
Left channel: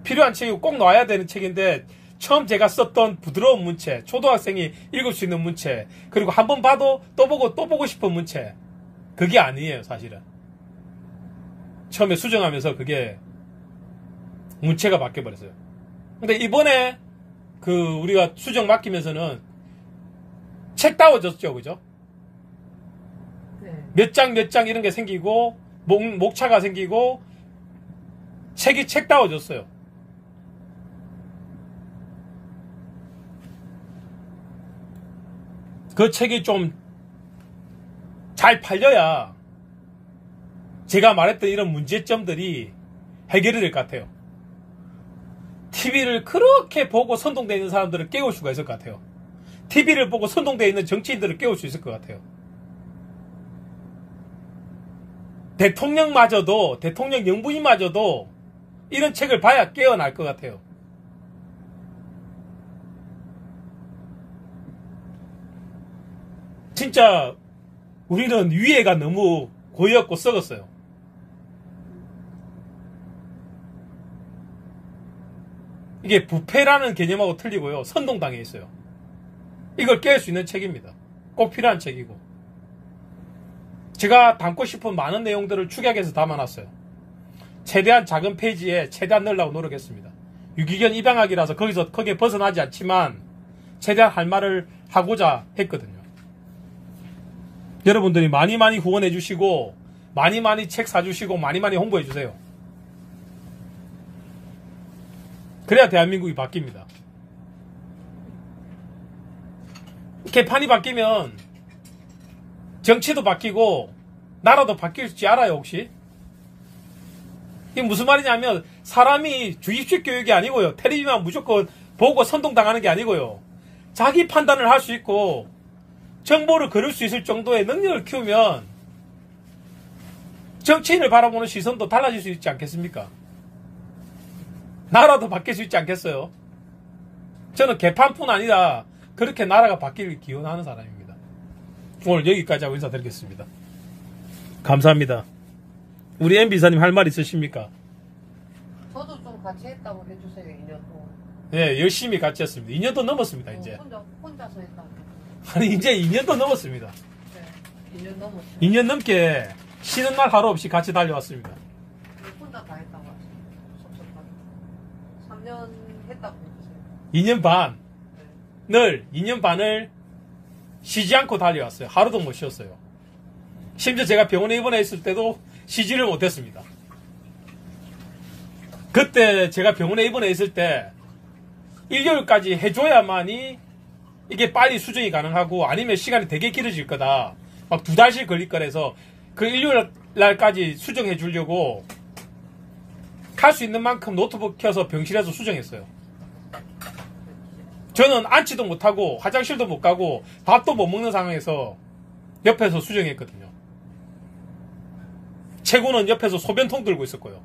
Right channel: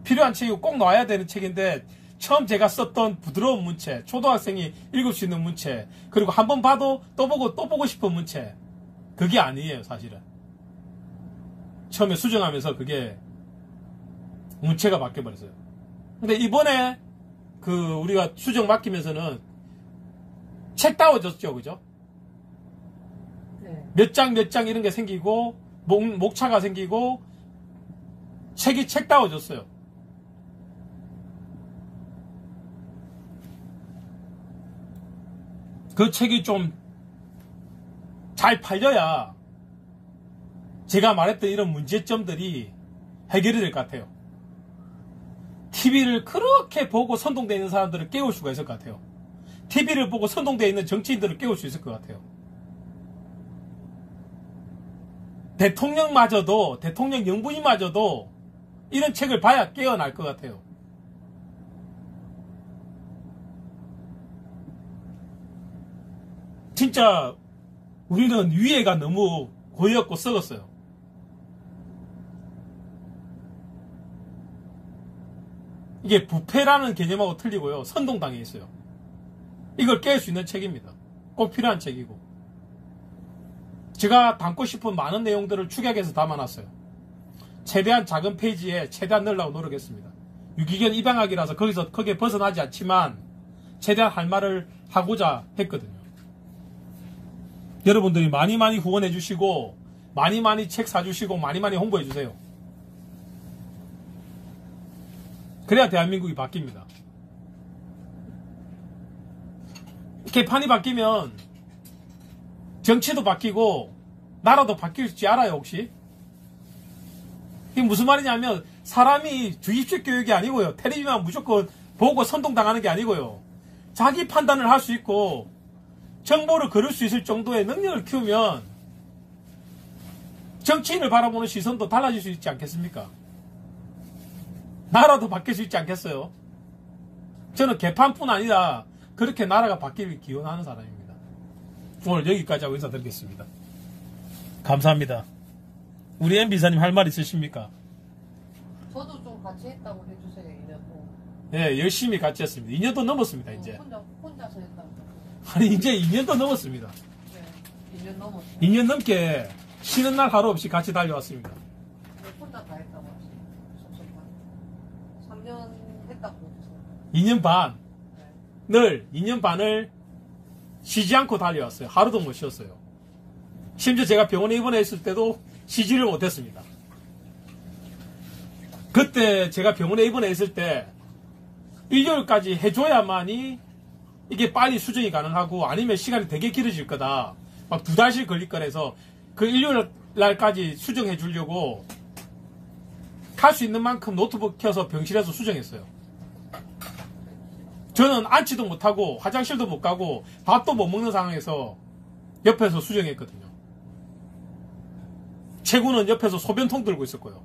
필요한 책이고 꼭 나와야 되는 책인데 처음 제가 썼던 부드러운 문체, 초등학생이 읽을 수 있는 문체, 그리고 한 번 봐도 또 보고 또 보고 싶은 문체, 그게 아니에요. 사실은 처음에 수정하면서 그게 문체가 바뀌어버렸어요. 근데 이번에 그 우리가 수정 맡기면서는 책 따워졌죠. 그죠? 네. 몇 장 몇 장 이런 게 생기고 목차가 생기고 책이 책 따워졌어요. 그 책이 좀 잘 팔려야 제가 말했던 이런 문제점들이 해결이 될 것 같아요. TV를 그렇게 보고 선동되어 있는 사람들을 깨울 수가 있을 것 같아요. TV를 보고 선동되어 있는 정치인들을 깨울 수 있을 것 같아요. 대통령마저도, 대통령 영부인마저도 이런 책을 봐야 깨어날 것 같아요. 진짜 우리는 위해가 너무 고였고 썩었어요. 이게 부패라는 개념하고 틀리고요. 선동당해 있어요. 이걸 깰 수 있는 책입니다. 꼭 필요한 책이고. 제가 담고 싶은 많은 내용들을 축약해서 담아놨어요. 최대한 작은 페이지에 최대한 넣으려고 노력했습니다. 유기견 입양학이라서 거기에 벗어나지 않지만 최대한 할 말을 하고자 했거든요. 여러분들이 많이 후원해 주시고 많이 책 사주시고 많이 홍보해 주세요. 그래야 대한민국이 바뀝니다. 개판이 바뀌면 정치도 바뀌고 나라도 바뀔지 알아요 혹시? 이게 무슨 말이냐면 사람이 주입식 교육이 아니고요. 텔레비만 무조건 보고 선동당하는 게 아니고요. 자기 판단을 할 수 있고 정보를 거를 수 있을 정도의 능력을 키우면 정치인을 바라보는 시선도 달라질 수 있지 않겠습니까? 나라도 바뀔 수 있지 않겠어요? 저는 개판뿐 아니라 그렇게 나라가 바뀌길 기원하는 사람입니다. 오늘 여기까지 하고 인사드리겠습니다. 감사합니다. 우리 MB사님 할 말 있으십니까? 저도 좀 같이 했다고 해주세요. 2년 동안. 네, 열심히 같이 했습니다. 2년도 넘었습니다, 이제. 혼자서 했다고. 아니, 이제 2년도 넘었습니다. 네, 2년 넘었어요. 2년 넘게 쉬는 날 하루 없이 같이 달려왔습니다. 네, 혼자 다 했다고 하시죠. 섭섭하게. 3년 했다고 해주세요. 2년 반. 네. 늘 2년 반을 쉬지 않고 달려왔어요. 하루도 못 쉬었어요. 심지어 제가 병원에 입원했을 때도 쉬지를 못했습니다. 그때 제가 병원에 입원해 있을 때 일요일까지 해줘야만이 이게 빨리 수정이 가능하고 아니면 시간이 되게 길어질 거다. 막 2달씩 걸릴 거라서 그 일요일 날까지 수정해 주려고 할 수 있는 만큼 노트북 켜서 병실에서 수정했어요. 저는 앉지도 못하고 화장실도 못 가고 밥도 못 먹는 상황에서 옆에서 수정했거든요. 최고는 옆에서 소변통 들고 있었고요.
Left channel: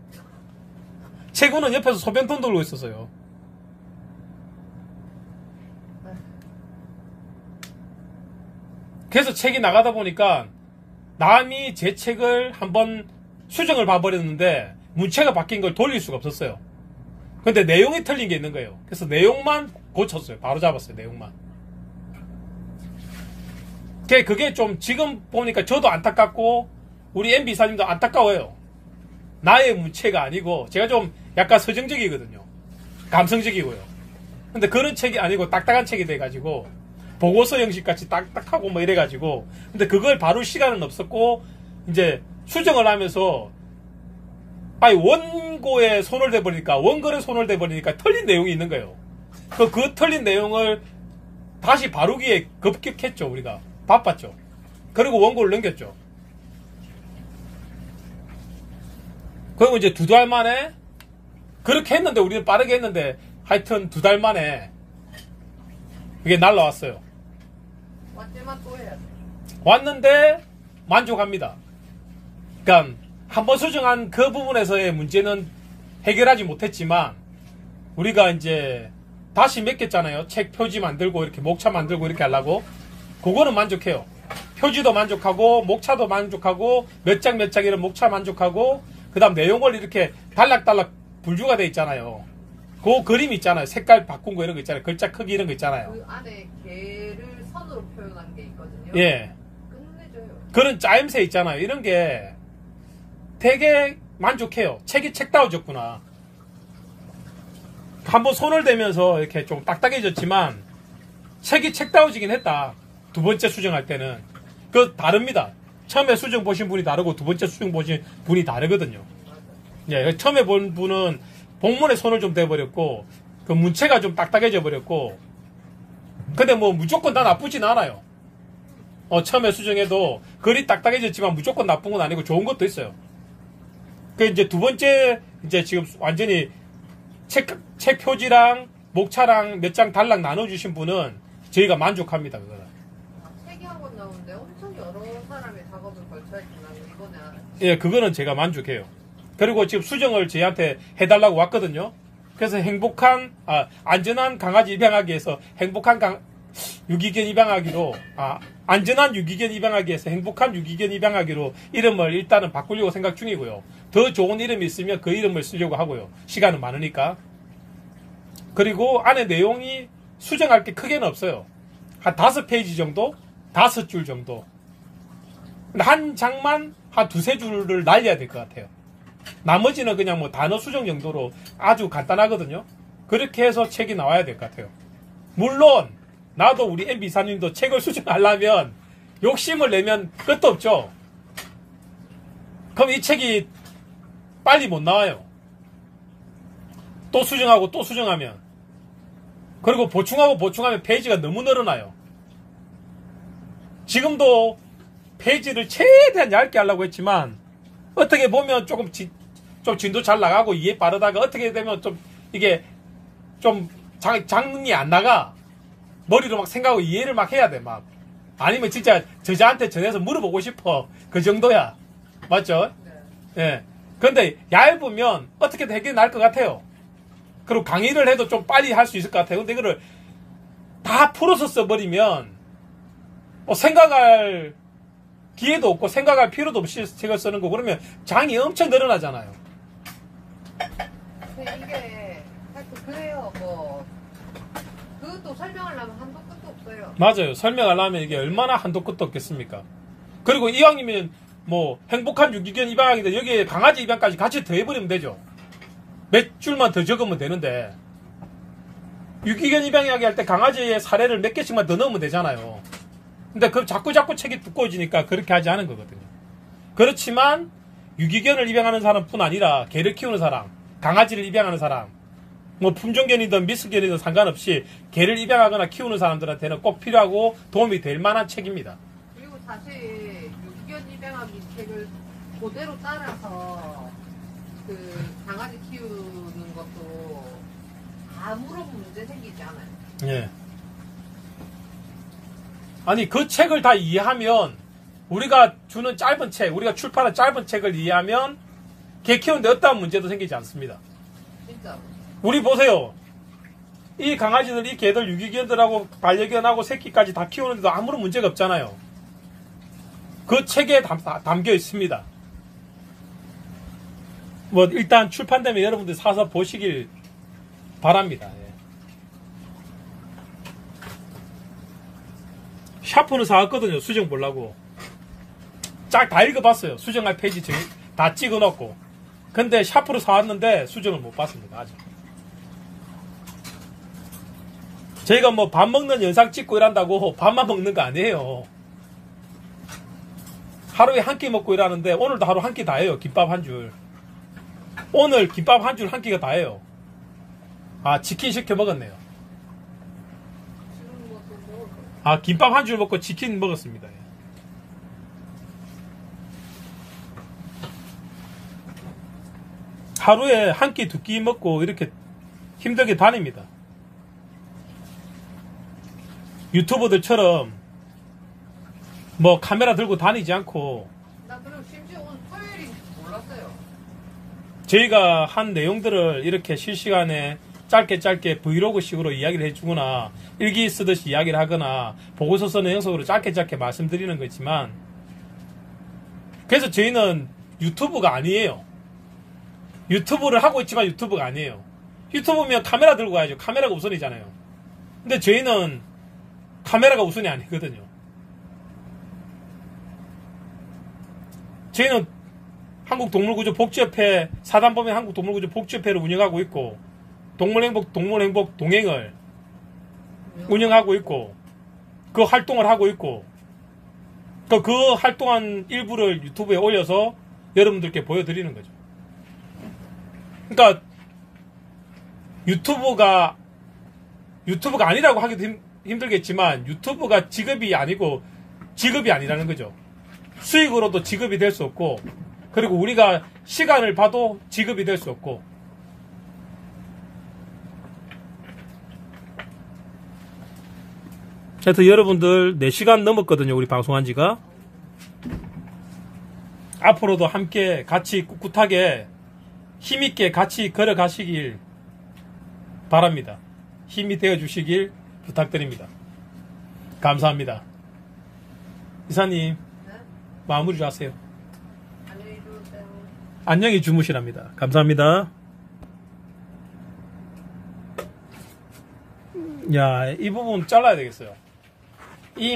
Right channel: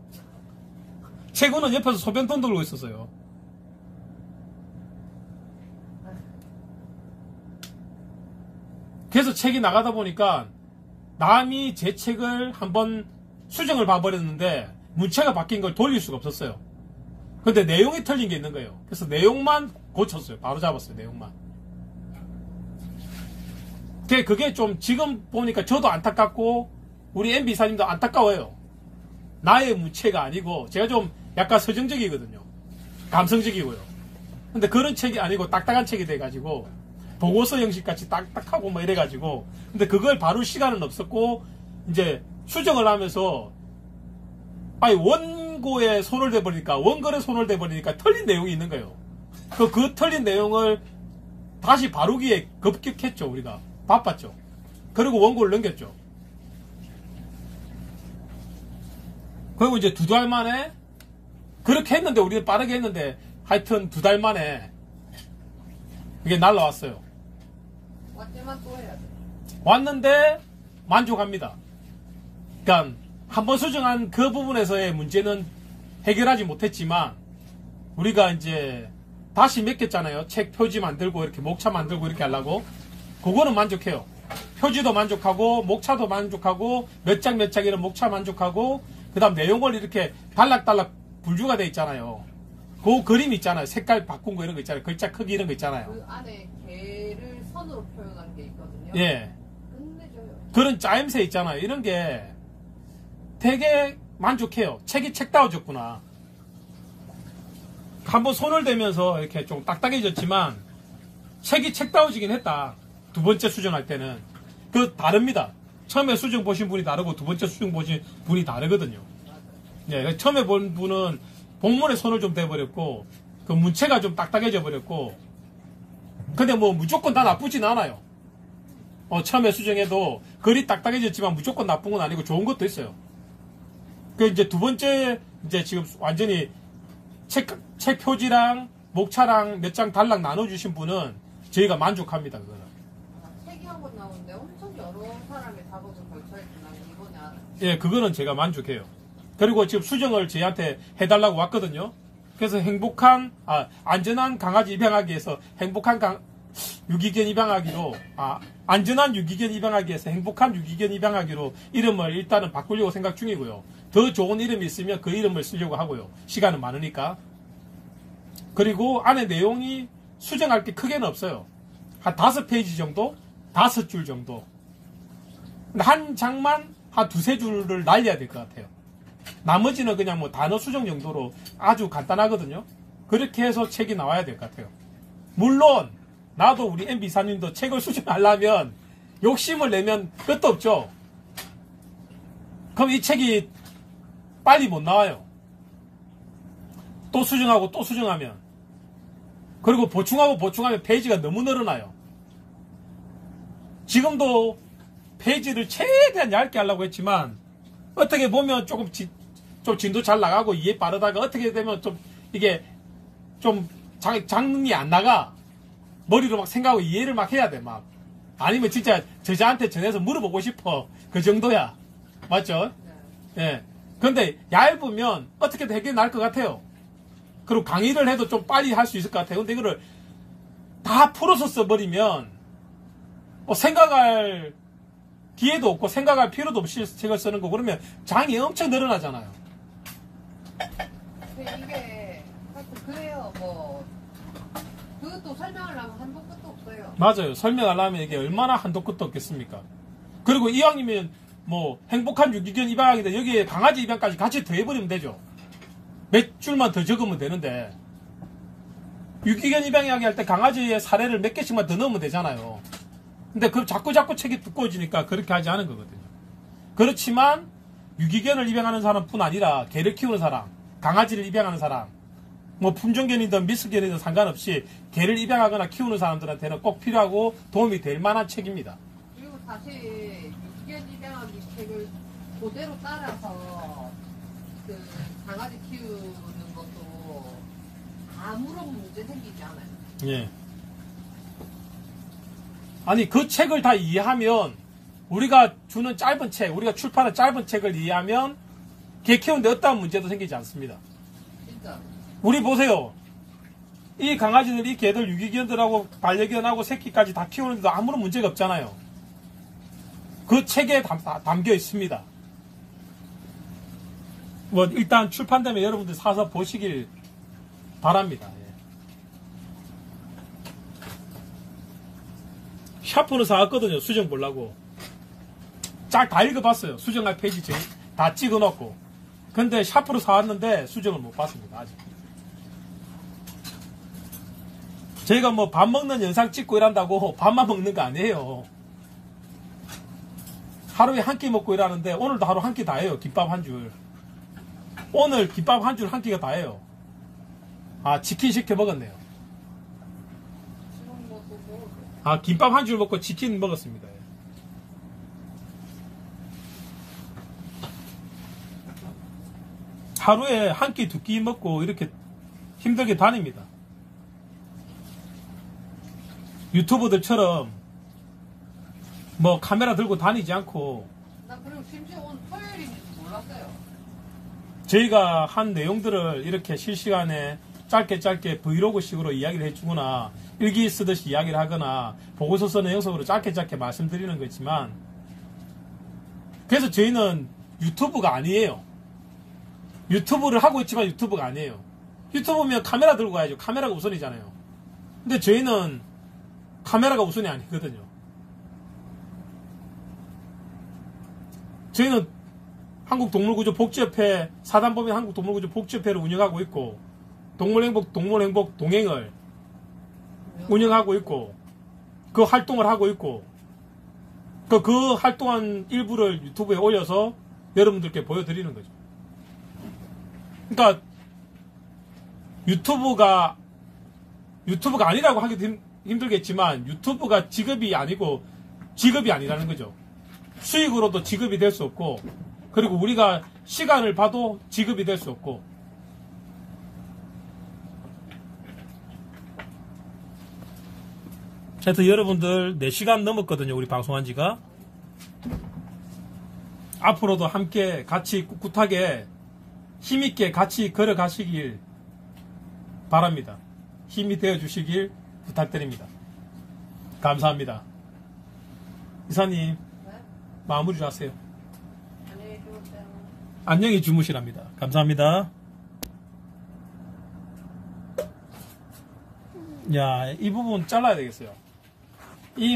최고는 옆에서 소변통 들고 있었어요. 그래서 책이 나가다 보니까 남이 제 책을 한번 수정을 봐버렸는데 문체가 바뀐 걸 돌릴 수가 없었어요. 근데 내용이 틀린 게 있는 거예요. 그래서 내용만 고쳤어요. 바로 잡았어요. 내용만. 그게 좀 지금 보니까 저도 안타깝고 우리 MB사님도 안타까워요. 나의 문체가 아니고 제가 좀 약간 서정적이거든요. 감성적이고요. 근데 그런 책이 아니고 딱딱한 책이 돼가지고 보고서 형식같이 딱딱하고 뭐 이래가지고 근데 그걸 바로 시간은 없었고 이제 수정을 하면서 아니 원고에 손을 대버리니까 원글에 손을 대버리니까 틀린 내용이 있는 거예요. 그 틀린 내용을 다시 바르기에 급격했죠. 우리가 바빴죠. 그리고 원고를 넘겼죠. 그리고 이제 2달 만에 그렇게 했는데 우리는 빠르게 했는데 하여튼 2달 만에 그게 날라왔어요. 왔지만 또 해야 돼. 왔는데 만족합니다. 그러니까 한번 수정한 그 부분에서의 문제는 해결하지 못했지만 우리가 이제 다시 맡겼잖아요. 책 표지 만들고 이렇게 목차 만들고 이렇게 하려고. 그거는 만족해요. 표지도 만족하고 목차도 만족하고 몇 장 몇 장 이런 목차 만족하고 그 다음 내용을 이렇게 달락달락 분류가 돼 있잖아요. 그 그림 있잖아요. 색깔 바꾼 거 이런 거 있잖아요. 글자 크기 이런 거 있잖아요. 그 안에 개를 선으로 표현한 게 있거든요. 예. 끝내줘요. 그런 짜임새 있잖아요. 이런 게 되게 만족해요. 책이 책다워졌구나. 한번 손을 대면서 이렇게 좀 딱딱해졌지만 책이 책다워지긴 했다. 2번째 수정할 때는. 그 다릅니다. 처음에 수정 보신 분이 다르고 2번째 수정 보신 분이 다르거든요. 예, 처음에 본 분은 복문에 손을 좀 대버렸고 그 문체가 좀 딱딱해져 버렸고 근데 뭐 무조건 다 나쁘진 않아요. 처음에 수정해도 글이 딱딱해졌지만 무조건 나쁜 건 아니고 좋은 것도 있어요. 그 이제 2번째 이제 지금 완전히 책 표지랑 목차랑 몇 장 달랑 나눠주신 분은 저희가 만족합니다. 그거는. 책이 한 권 나오는데 엄청 여러 사람의 작업을 걸쳐있구나. 이번에 알았어요. 예, 그거는 제가 만족해요. 그리고 지금 수정을 저희한테 해달라고 왔거든요. 그래서 안전한 강아지 입양하기에서 유기견 입양하기로, 안전한 유기견 입양하기에서 행복한 유기견 입양하기로 이름을 일단은 바꾸려고 생각 중이고요. 더 좋은 이름이 있으면 그 이름을 쓰려고 하고요. 시간은 많으니까. 그리고 안에 내용이 수정할 게 크게는 없어요. 한 5페이지 정도? 5줄 정도. 한 장만 한 2-3줄을 날려야 될 것 같아요. 나머지는 그냥 뭐 단어 수정 정도로 아주 간단하거든요. 그렇게 해서 책이 나와야 될 것 같아요. 물론 나도 우리 MB사님도 책을 수정하려면 욕심을 내면 끝도 없죠. 그럼 이 책이 빨리 못 나와요. 또 수정하고 또 수정하면. 그리고 보충하고 보충하면 페이지가 너무 늘어나요. 지금도 페이지를 최대한 얇게 하려고 했지만 어떻게 보면 좀 진도 잘 나가고 이해 빠르다가 어떻게 되면 좀 이게 좀 장이 안 나가. 머리로 막 생각하고 이해를 막 해야 돼, 막. 아니면 진짜 저자한테 전해서 물어보고 싶어. 그 정도야. 맞죠? 네. 예. 근데 얇으면 어떻게든 해결이 날 것 같아요. 그리고 강의를 해도 좀 빨리 할 수 있을 것 같아요. 근데 이거를 다 풀어서 써버리면 생각할 기회도 없고 생각할 필요도 없이 책을 쓰는 거 그러면 장이 엄청 늘어나잖아요. 이게 하여튼 그래요. 뭐 그것도 설명하려면 한도 끝도 없어요. 맞아요. 설명하려면 이게 얼마나 한도 끝도 없겠습니까? 그리고 이왕이면 뭐 행복한 유기견 입양하기도 여기에 강아지 입양까지 같이 더해버리면 되죠. 몇 줄만 더 적으면 되는데 유기견 입양하기 할 때 강아지의 사례를 몇 개씩만 더 넣으면 되잖아요. 근데 그럼 자꾸 책이 두꺼워지니까 그렇게 하지 않은 거거든요. 그렇지만 유기견을 입양하는 사람뿐 아니라 개를 키우는 사람, 강아지를 입양하는 사람, 뭐 품종견이든 미스견이든 상관없이 개를 입양하거나 키우는 사람들한테는 꼭 필요하고 도움이 될 만한 책입니다. 그리고 사실 유기견 입양하기 책을 그대로 따라서 그 강아지 키우는 것도 아무런 문제 생기지 않아요. 예. 아니 그 책을 다 이해하면 우리가 주는 짧은 책, 우리가 출판한 짧은 책을 이해하면 개 키우는데 어떠한 문제도 생기지 않습니다. 진짜. 우리 보세요. 이 강아지들, 이 개들, 유기견들하고 반려견하고 새끼까지 다 키우는데도 아무런 문제가 없잖아요. 그 책에 담겨 있습니다. 뭐 일단 출판되면 여러분들 사서 보시길 바랍니다. 예. 샤프는 사왔거든요. 수정 보려고. 쫙 다 읽어봤어요. 수정할 페이지 다 찍어놓고. 근데 샤프로 사왔는데 수정을 못 봤습니다. 아직. 저희가 뭐 밥 먹는 영상 찍고 이란다고 밥만 먹는 거 아니에요. 하루에 한 끼 먹고 일하는데 오늘도 하루 한 끼 다 해요. 김밥 한 줄. 오늘 김밥 한 줄 한 끼가 다 해요. 치킨 시켜 먹었네요. 김밥 한 줄 먹고 치킨 먹었습니다. 하루에 한 끼, 두 끼 먹고 이렇게 힘들게 다닙니다. 유튜버들처럼 뭐 카메라 들고 다니지 않고 나 그리고 심지어 오늘 토요일인지도 몰랐어요. 저희가 한 내용들을 이렇게 실시간에 짧게 브이로그식으로 이야기를 해주거나 일기 쓰듯이 이야기를 하거나 보고서 쓰는 형식으로 짧게 말씀드리는 거지만 그래서 저희는 유튜브가 아니에요. 유튜브를 하고 있지만 유튜브가 아니에요. 유튜브면 카메라 들고 가야죠. 카메라가 우선이잖아요. 근데 저희는 카메라가 우선이 아니거든요. 저희는 한국동물구조복지협회 사단법인 한국동물구조복지협회를 운영하고 있고 동물행복 동행을 운영하고 있고 그 활동을 하고 있고 그 활동한 일부를 유튜브에 올려서 여러분들께 보여드리는 거죠. 그러니까 유튜브가 아니라고 하기도 힘들겠지만 유튜브가 직업이 아니고 직업이 아니라는 거죠. 수익으로도 직업이 될 수 없고 그리고 우리가 시간을 봐도 직업이 될 수 없고 하여튼 여러분들 4시간 넘었거든요. 우리 방송한 지가. 앞으로도 함께 같이 꿋꿋하게 힘있게 같이 걸어가시길 바랍니다. 힘이 되어주시길 부탁드립니다. 감사합니다. 이사님 네? 마무리 좀 하세요. 안녕히 주무세요. 안녕히 주무시랍니다. 감사합니다. 야, 이 부분 잘라야 되겠어요. 이